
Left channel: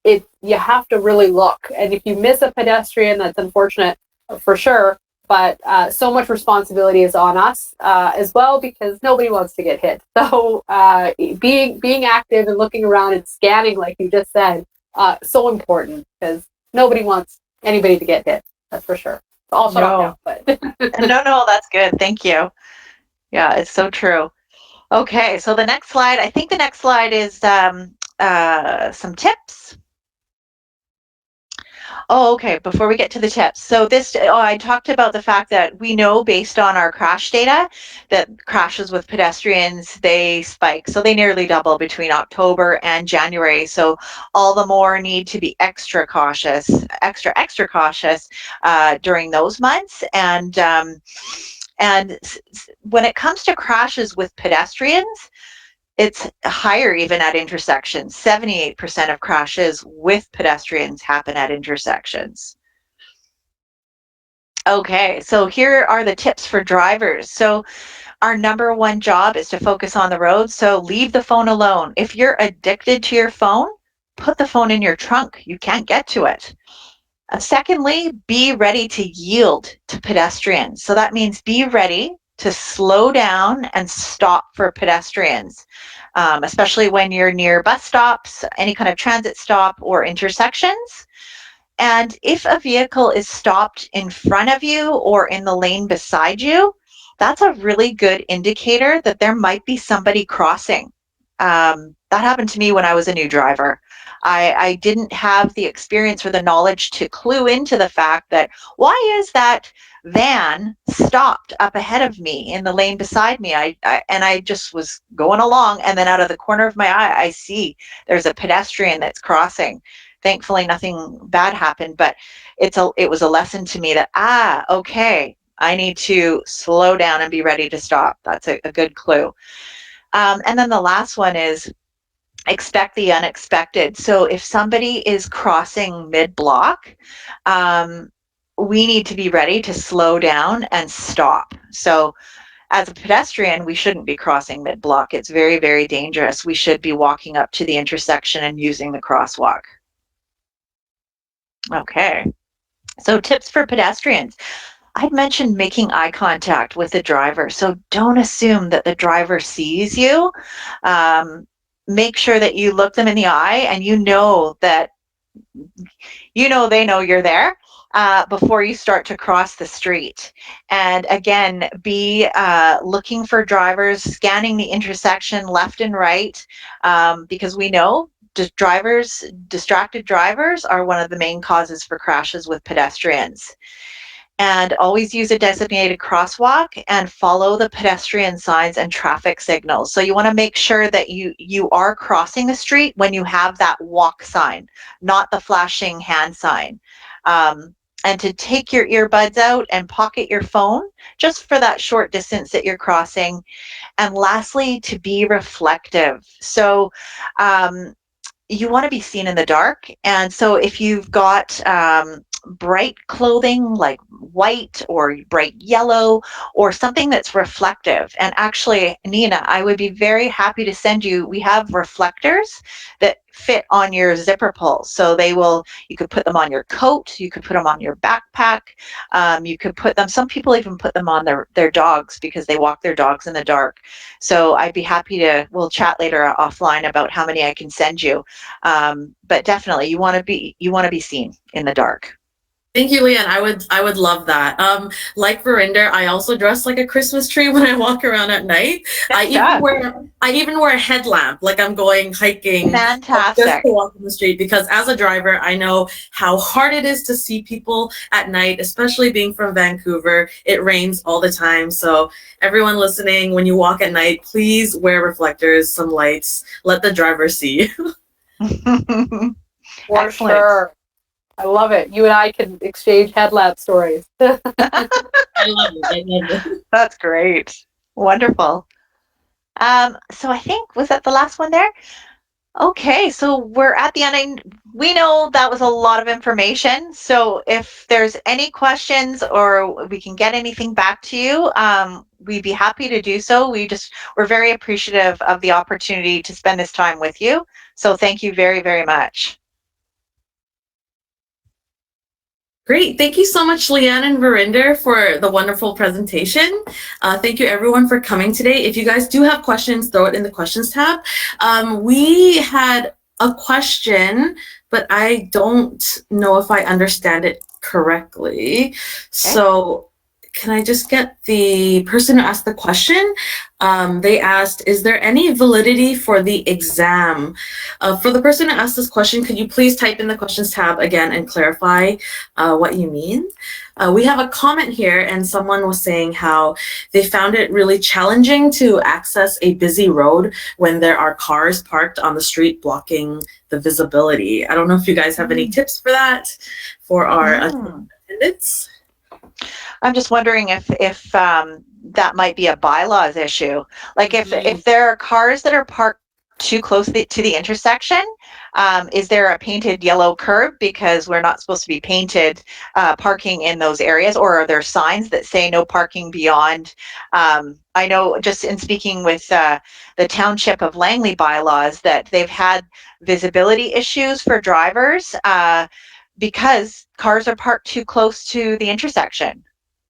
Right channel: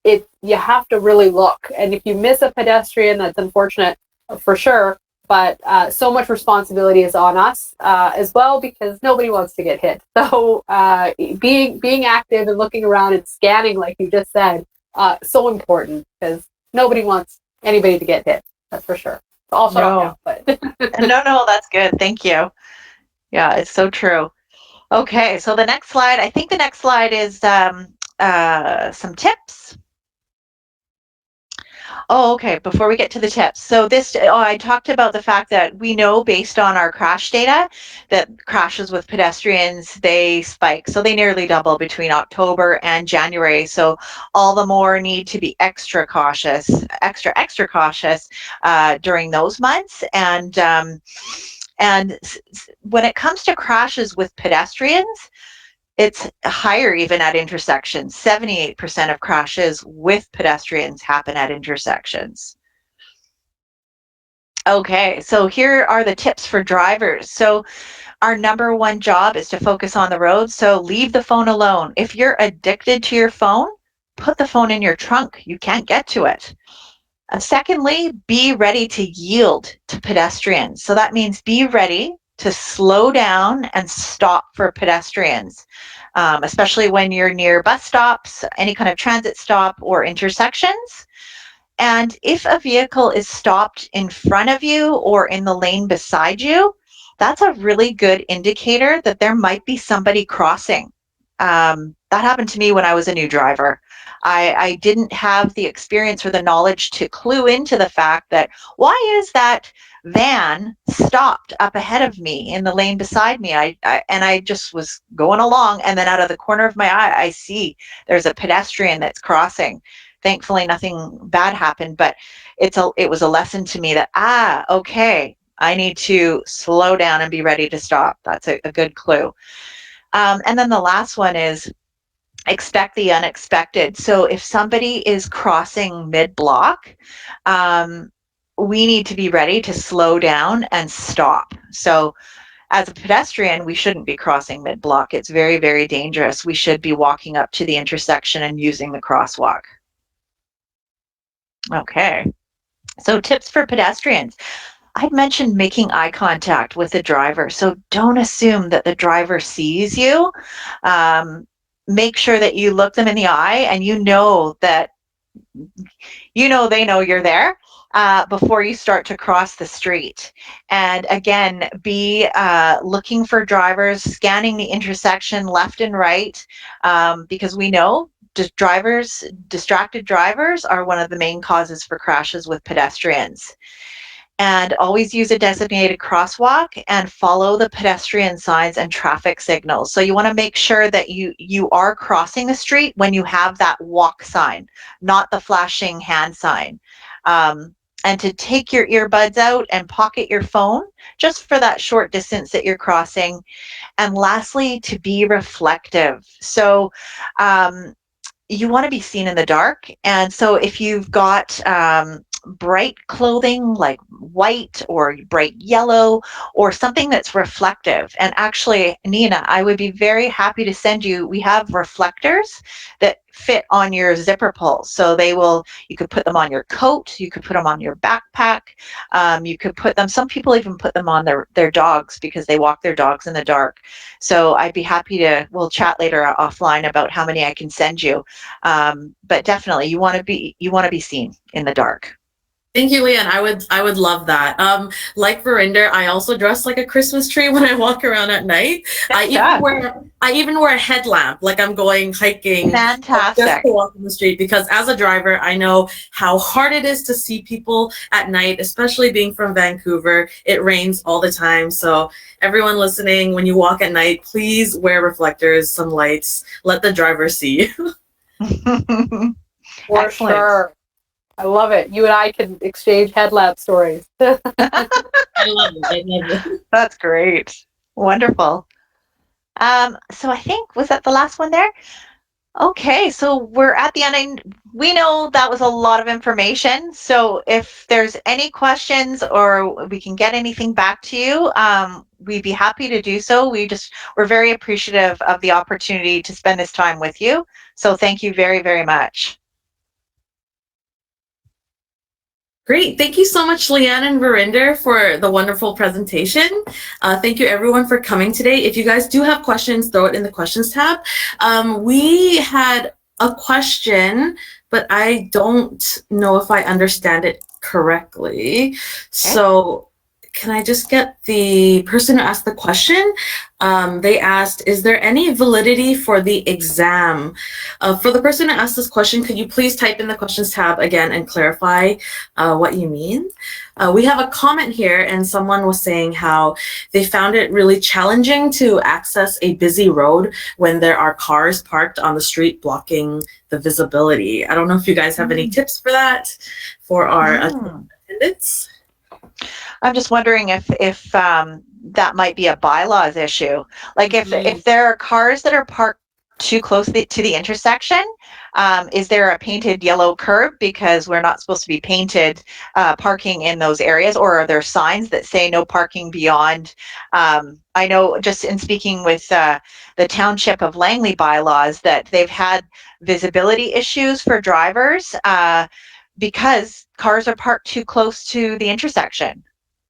you have to really look. And if you miss a pedestrian, that's unfortunate for sure. But so much responsibility is on us as well, because nobody wants to get hit. So being active and looking around and scanning, like you just said, so important, because nobody wants anybody to get hit. That's for sure. I'll shut up now. But No, that's good. Thank you. Yeah, it's so true. Okay, so I think the next slide is some tips. Oh, okay. Before we get to the tips. So I talked about the fact that we know based on our crash data that crashes with pedestrians, they spike. So they nearly double between October and January. So all the more need to be extra cautious during those months. And when it comes to crashes with pedestrians, it's higher even at intersections. 78% of crashes with pedestrians happen at intersections. Okay, so here are the tips for drivers. So our number one job is to focus on the road. So leave the phone alone. If you're addicted to your phone, put the phone in your trunk. You can't get to it. Secondly, be ready to yield to pedestrians. So that means be ready to slow down and stop for pedestrians, especially when you're near bus stops, any kind of transit stop, or intersections. And if a vehicle is stopped in front of you or in the lane beside you, that's a really good indicator that there might be somebody crossing. That happened to me when I was a new driver. I didn't have the experience or the knowledge to clue into the fact that why is that van stopped up ahead of me in the lane beside me? I just was going along, and then out of the corner of my eye, I see there's a pedestrian that's crossing. Thankfully, nothing bad happened, but it was a lesson to me that okay, I need to slow down and be ready to stop. That's a good clue. And then the last one is expect the unexpected. So if somebody is crossing mid-block, we need to be ready to slow down and stop. So as a pedestrian, we shouldn't be crossing mid-block. It's very, very dangerous. We should be walking up to the intersection and using the crosswalk. Okay, so tips for pedestrians. I'd mentioned making eye contact with the driver. So don't assume that the driver sees you. Make sure that you look them in the eye and you know that they know you're there before you start to cross the street. And again, be looking for drivers, scanning the intersection left and right, because we know distracted drivers are one of the main causes for crashes with pedestrians. And always use a designated crosswalk and follow the pedestrian signs and traffic signals. So you want to make sure that you are crossing the street when you have that walk sign, not the flashing hand sign. and to take your earbuds out and pocket your phone just for that short distance that you're crossing. And lastly, to be reflective. So, you want to be seen in the dark. And so if you've got bright clothing like white or bright yellow or something that's reflective. And actually, Nina, I would be very happy to send you, we have reflectors that fit on your zipper pull. So you could put them on your coat, you could put them on your backpack, you could put them, some people even put them on their dogs because they walk their dogs in the dark. So I'd be happy we'll chat later offline about how many I can send you. But definitely you want to be seen in the dark. Thank you, Leanne. I would love that. Like Verinder, I also dress like a Christmas tree when I walk around at night. I even wear a headlamp, like I'm going hiking. Fantastic. Just to walk on the street, because as a driver, I know how hard it is to see people at night, especially being from Vancouver. It rains all the time. So everyone listening, when you walk at night, please wear reflectors, some lights, let the driver see. For Excellent. sure. I love it. You and I can exchange headlamp stories. I love it. That's great. Wonderful. So I think, was that the last one there? Okay, so we're at the end. We know that was a lot of information. So if there's any questions or we can get anything back to you, we'd be happy to do so. We're very appreciative of the opportunity to spend this time with you. So thank you very, very much. Great. Thank you so much, Leanne and Verinder, for the wonderful presentation. Thank you, everyone, for coming today. If you guys do have questions, throw it in the questions tab. We had a question, but I don't know if I understand it correctly. Okay. So can I just get the person who asked the question? They asked, is there any validity for the exam? For the person who asked this question, could you please type in the questions tab again and clarify what you mean? We have a comment here, and someone was saying how they found it really challenging to access a busy road when there are cars parked on the street blocking the visibility. I don't know if you guys have any tips for that for our attendants. I'm just wondering if that might be a bylaws issue. Like if there are cars that are parked too close to the intersection, is there a painted yellow curb because we're not supposed to be painted parking in those areas, or are there signs that say no parking beyond? I know just in speaking with the Township of Langley bylaws that they've had visibility issues for drivers because cars are parked too close to the intersection.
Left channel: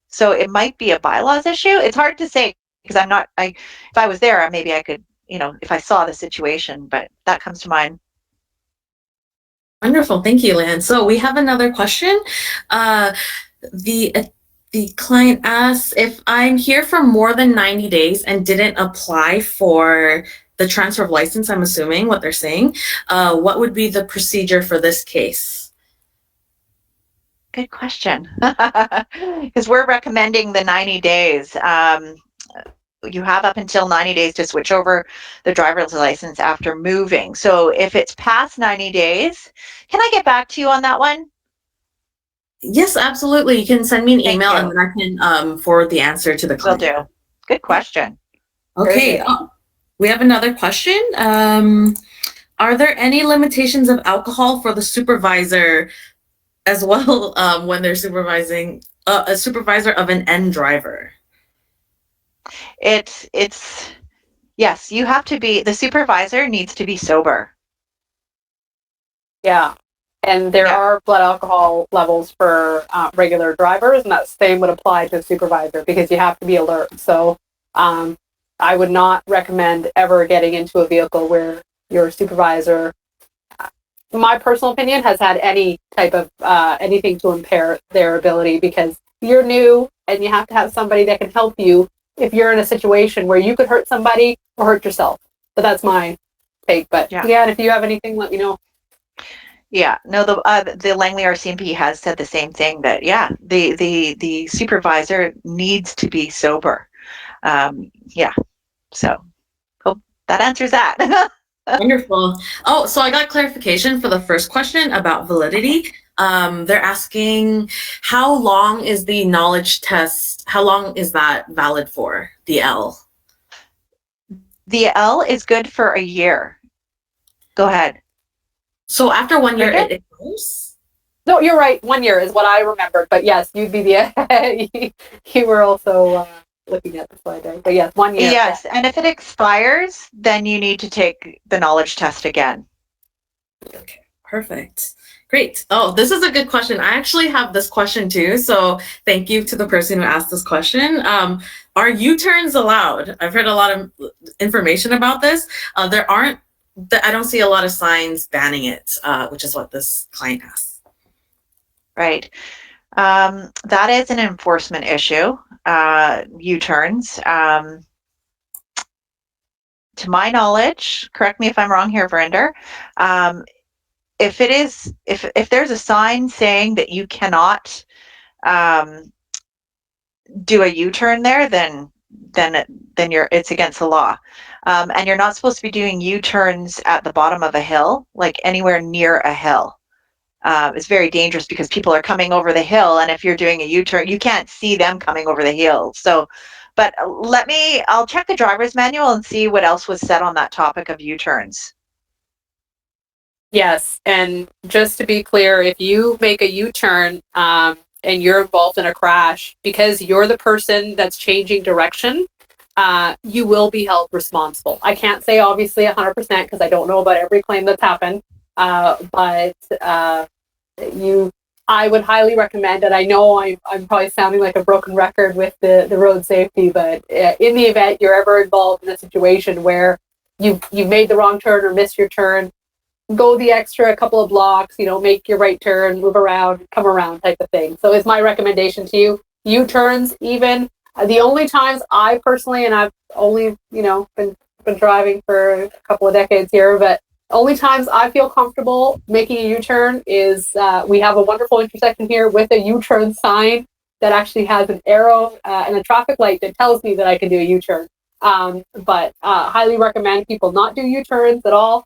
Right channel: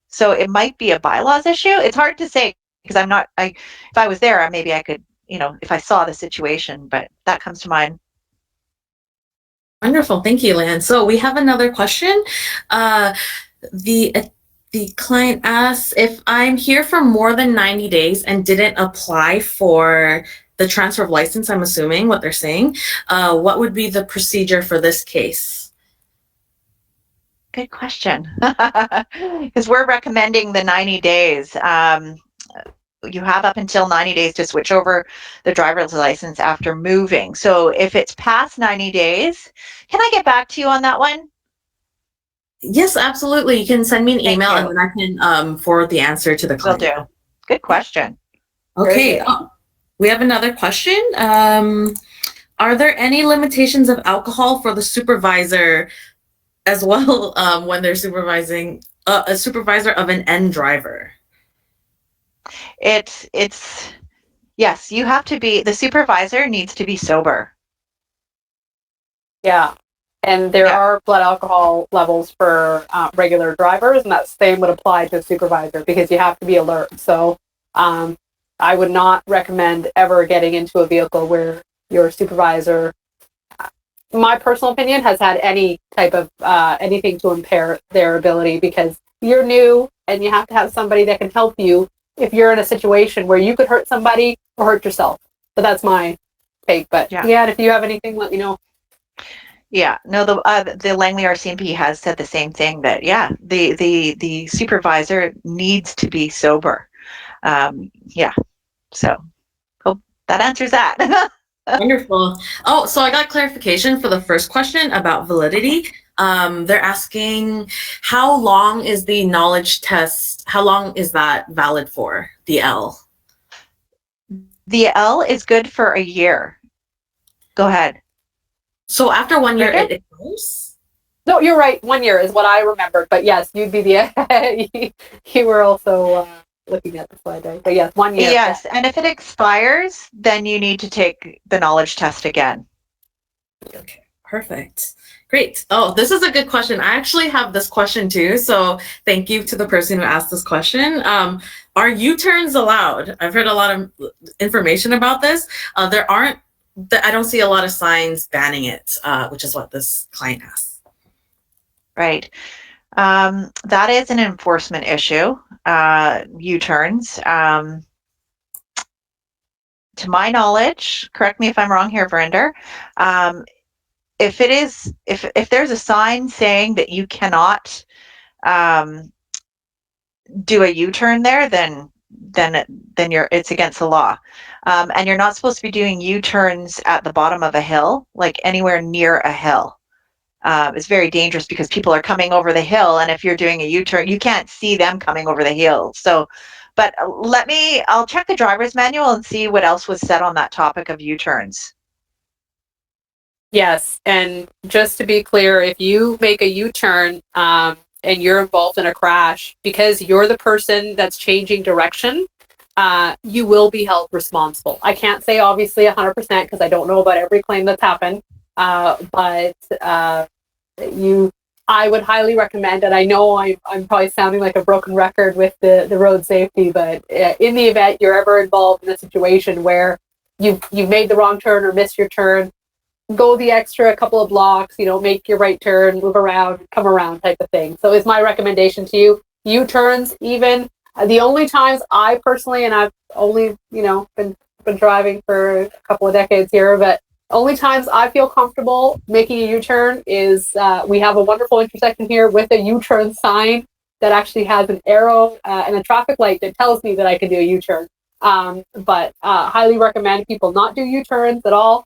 So it might be a bylaws issue. It's hard to say because if I was there, maybe I could, if I saw the situation, but that comes to mind. Wonderful. Thank you, Lan. So we have another question. The client asks, if I'm here for more than 90 days and didn't apply for the transfer of license, I'm assuming what they're saying, what would be the procedure for this case? Good question. Because we're recommending the 90 days. You have up until 90 days to switch over the driver's license after moving. So if it's past 90 days, can I get back to you on that one? Yes, absolutely. You can send me an email and then I can forward the answer to the client. Will do. Good question. Okay. We have another question. Are there any limitations of alcohol for the supervisor as well when they're supervising a supervisor of an N driver? It's yes, you have to be, the supervisor needs to be sober. Yeah. And there are blood alcohol levels for regular drivers, and that same would apply to a supervisor because you have to be alert. So I would not recommend ever getting into a vehicle where your supervisor, my personal opinion, has had any type of anything to impair their ability, because you're new and you have to have somebody that can help you if you're in a situation where you could hurt somebody or hurt yourself. But that's my take. But yeah, if you have anything, let me know. Yeah, no, the Langley RCMP has said the same thing, that the supervisor needs to be sober. So hope that answers that. Wonderful. Oh, so I got clarification for the first question about validity. They're asking, how long is the knowledge test? How long is that valid for, the L? The L is good for a year. Go ahead. So after 1 year, Brenda? it goes? No, you're right. 1 year is what I remembered. But yes, you'd be the. You were also looking at the slide, right? But yes, 1 year. Yes, and if it expires, then you need to take the knowledge test again. Okay, perfect. Great. Oh, this is a good question. I actually have this question too. So thank you to the person who asked this question. Are U-turns allowed? I've heard a lot of information about this. There aren't, I don't see a lot of signs banning it, which is what this client asked. Right. That is an enforcement issue, U-turns. To my knowledge, correct me if I'm wrong here, Verinder, if there's a sign saying that you cannot do a U-turn there, then it's against the law. And you're not supposed to be doing U-turns at the bottom of a hill, like anywhere near a hill. It's very dangerous because people are coming over the hill, and if you're doing a U-turn, you can't see them coming over the hill. So, but I'll check the driver's manual and see what else was said on that topic of U-turns. Yes, and just to be clear, if you make a U-turn and you're involved in a crash, because you're the person that's changing direction, you will be held responsible. I can't say obviously 100% because I don't know about every claim that's happened, but I would highly recommend, and I know I'm probably sounding like a broken record with the road safety, but in the event you're ever involved in a situation where you've made the wrong turn or missed your turn, go the extra couple of blocks, make your right turn, move around, come around type of thing. So it's my recommendation to you. U-turns, even the only times I personally, and I've only, been driving for a couple of decades here, but only times I feel comfortable making a U-turn is we have a wonderful intersection here with a U-turn sign that actually has an arrow and a traffic light that tells me that I can do a U-turn. But highly recommend people not do U-turns at all.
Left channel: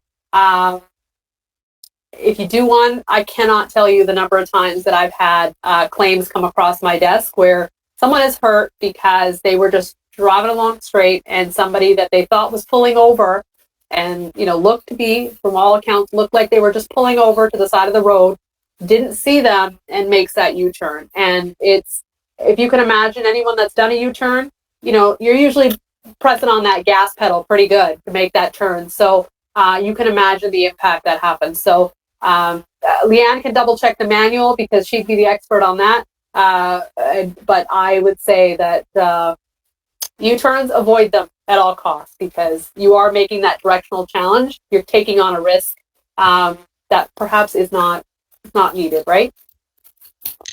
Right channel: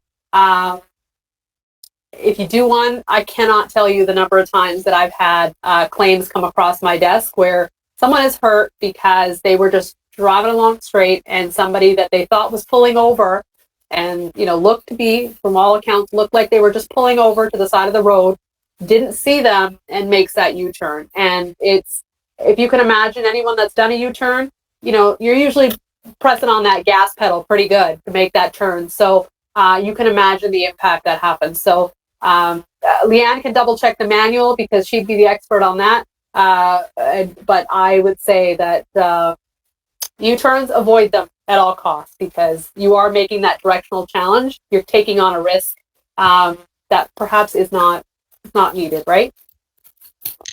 If you do one, I cannot tell you the number of times that I've had claims come across my desk where someone is hurt because they were just driving along straight and somebody that they thought was pulling over and, looked to be, from all accounts, looked like they were just pulling over to the side of the road, didn't see them and makes that U-turn. And it's, if you can imagine anyone that's done a U-turn, you're usually pressing on that gas pedal pretty good to make that turn. So you can imagine the impact that happens. So Leanne can double check the manual because she'd be the expert on that. But I would say that U-turns, avoid them at all costs because you are making that directional challenge. You're taking on a risk that perhaps is not needed, right?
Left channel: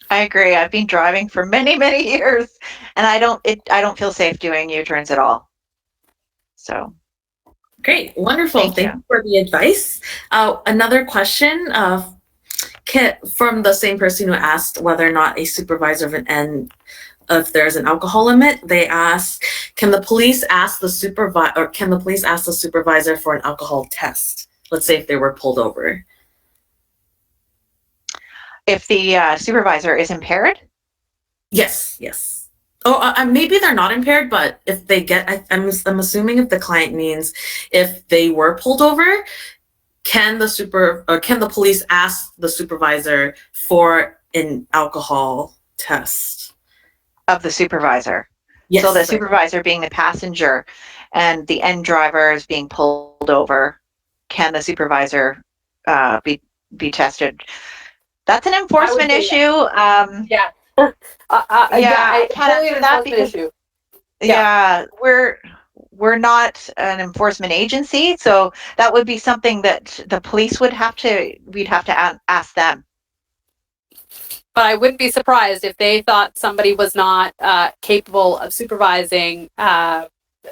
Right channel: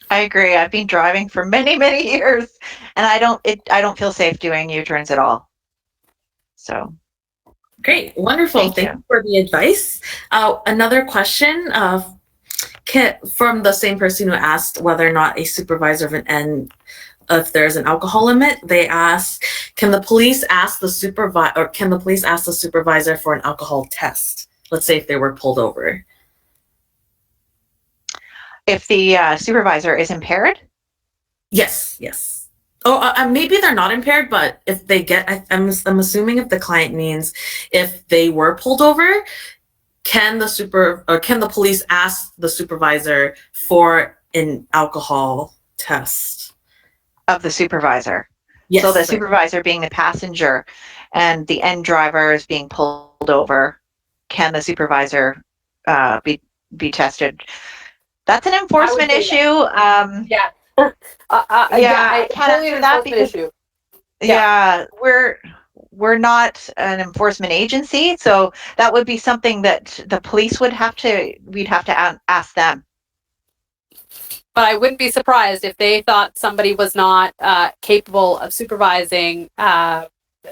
I agree. I've been driving for many, many years, and I don't feel safe doing U-turns at all. So. Great, wonderful. Thank you for the advice. Another question from the same person who asked whether or not a supervisor and if there's an alcohol limit. They ask, can the police ask the supervisor for an alcohol test? Let's say if they were pulled over. If the supervisor is impaired? Yes. Oh, maybe they're not impaired, but if they get, I'm assuming if the client means if they were pulled over, can the police ask the supervisor for an alcohol test? Of the supervisor. Yes. So the supervisor being the passenger and the end driver is being pulled over, can the supervisor be tested? That's an enforcement issue. Yeah. I can't answer that because issue. we're not an enforcement agency, so that would be something that the police we'd have to ask them. But I wouldn't be surprised if they thought somebody was not capable of supervising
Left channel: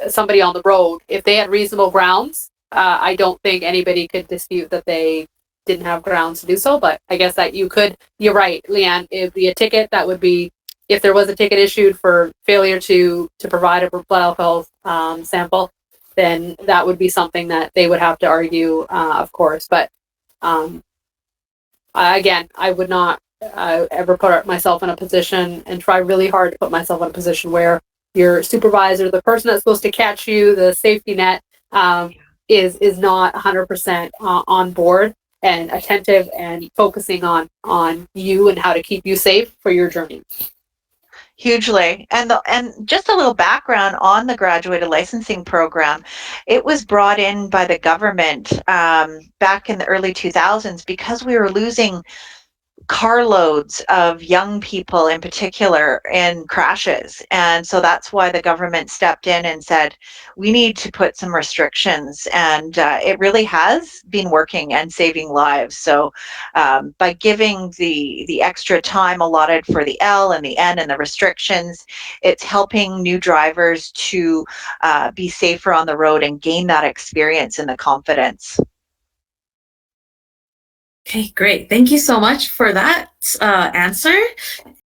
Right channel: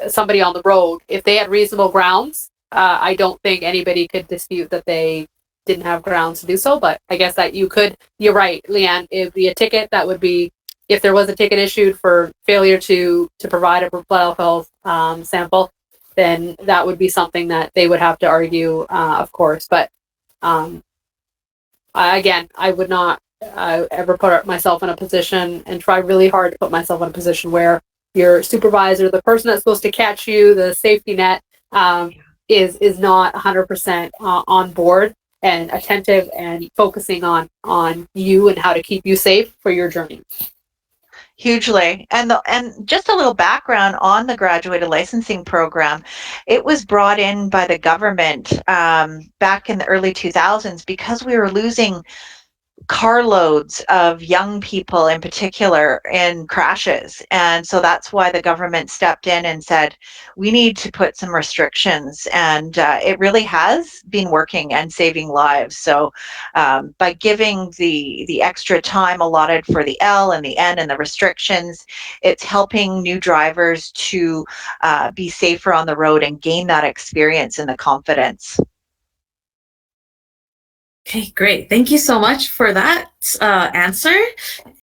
somebody on the road. If they had reasonable grounds, I don't think anybody could dispute that they didn't have grounds to do so. But I guess that you're right, Leanne, it'd be a ticket. That would be, if there was a ticket issued for failure to provide a blood alcohol sample, then that would be something that they would have to argue, of course. But again, I would not ever put myself in a position and try really hard to put myself in a position where your supervisor, the person that's supposed to catch you, the safety net, is not 100% on board and attentive and focusing on you and how to keep you safe for your journey. Hugely. And just a little background on the graduated licensing program. It was brought in by the government back in the early 2000s because we were losing carloads of young people in particular in crashes. And so that's why the government stepped in and said, we need to put some restrictions. And it really has been working and saving lives. So by giving the extra time allotted for the L and the N and the restrictions, it's helping new drivers to be safer on the road and gain that experience and the confidence. Okay, great. Thank you so much for that answer.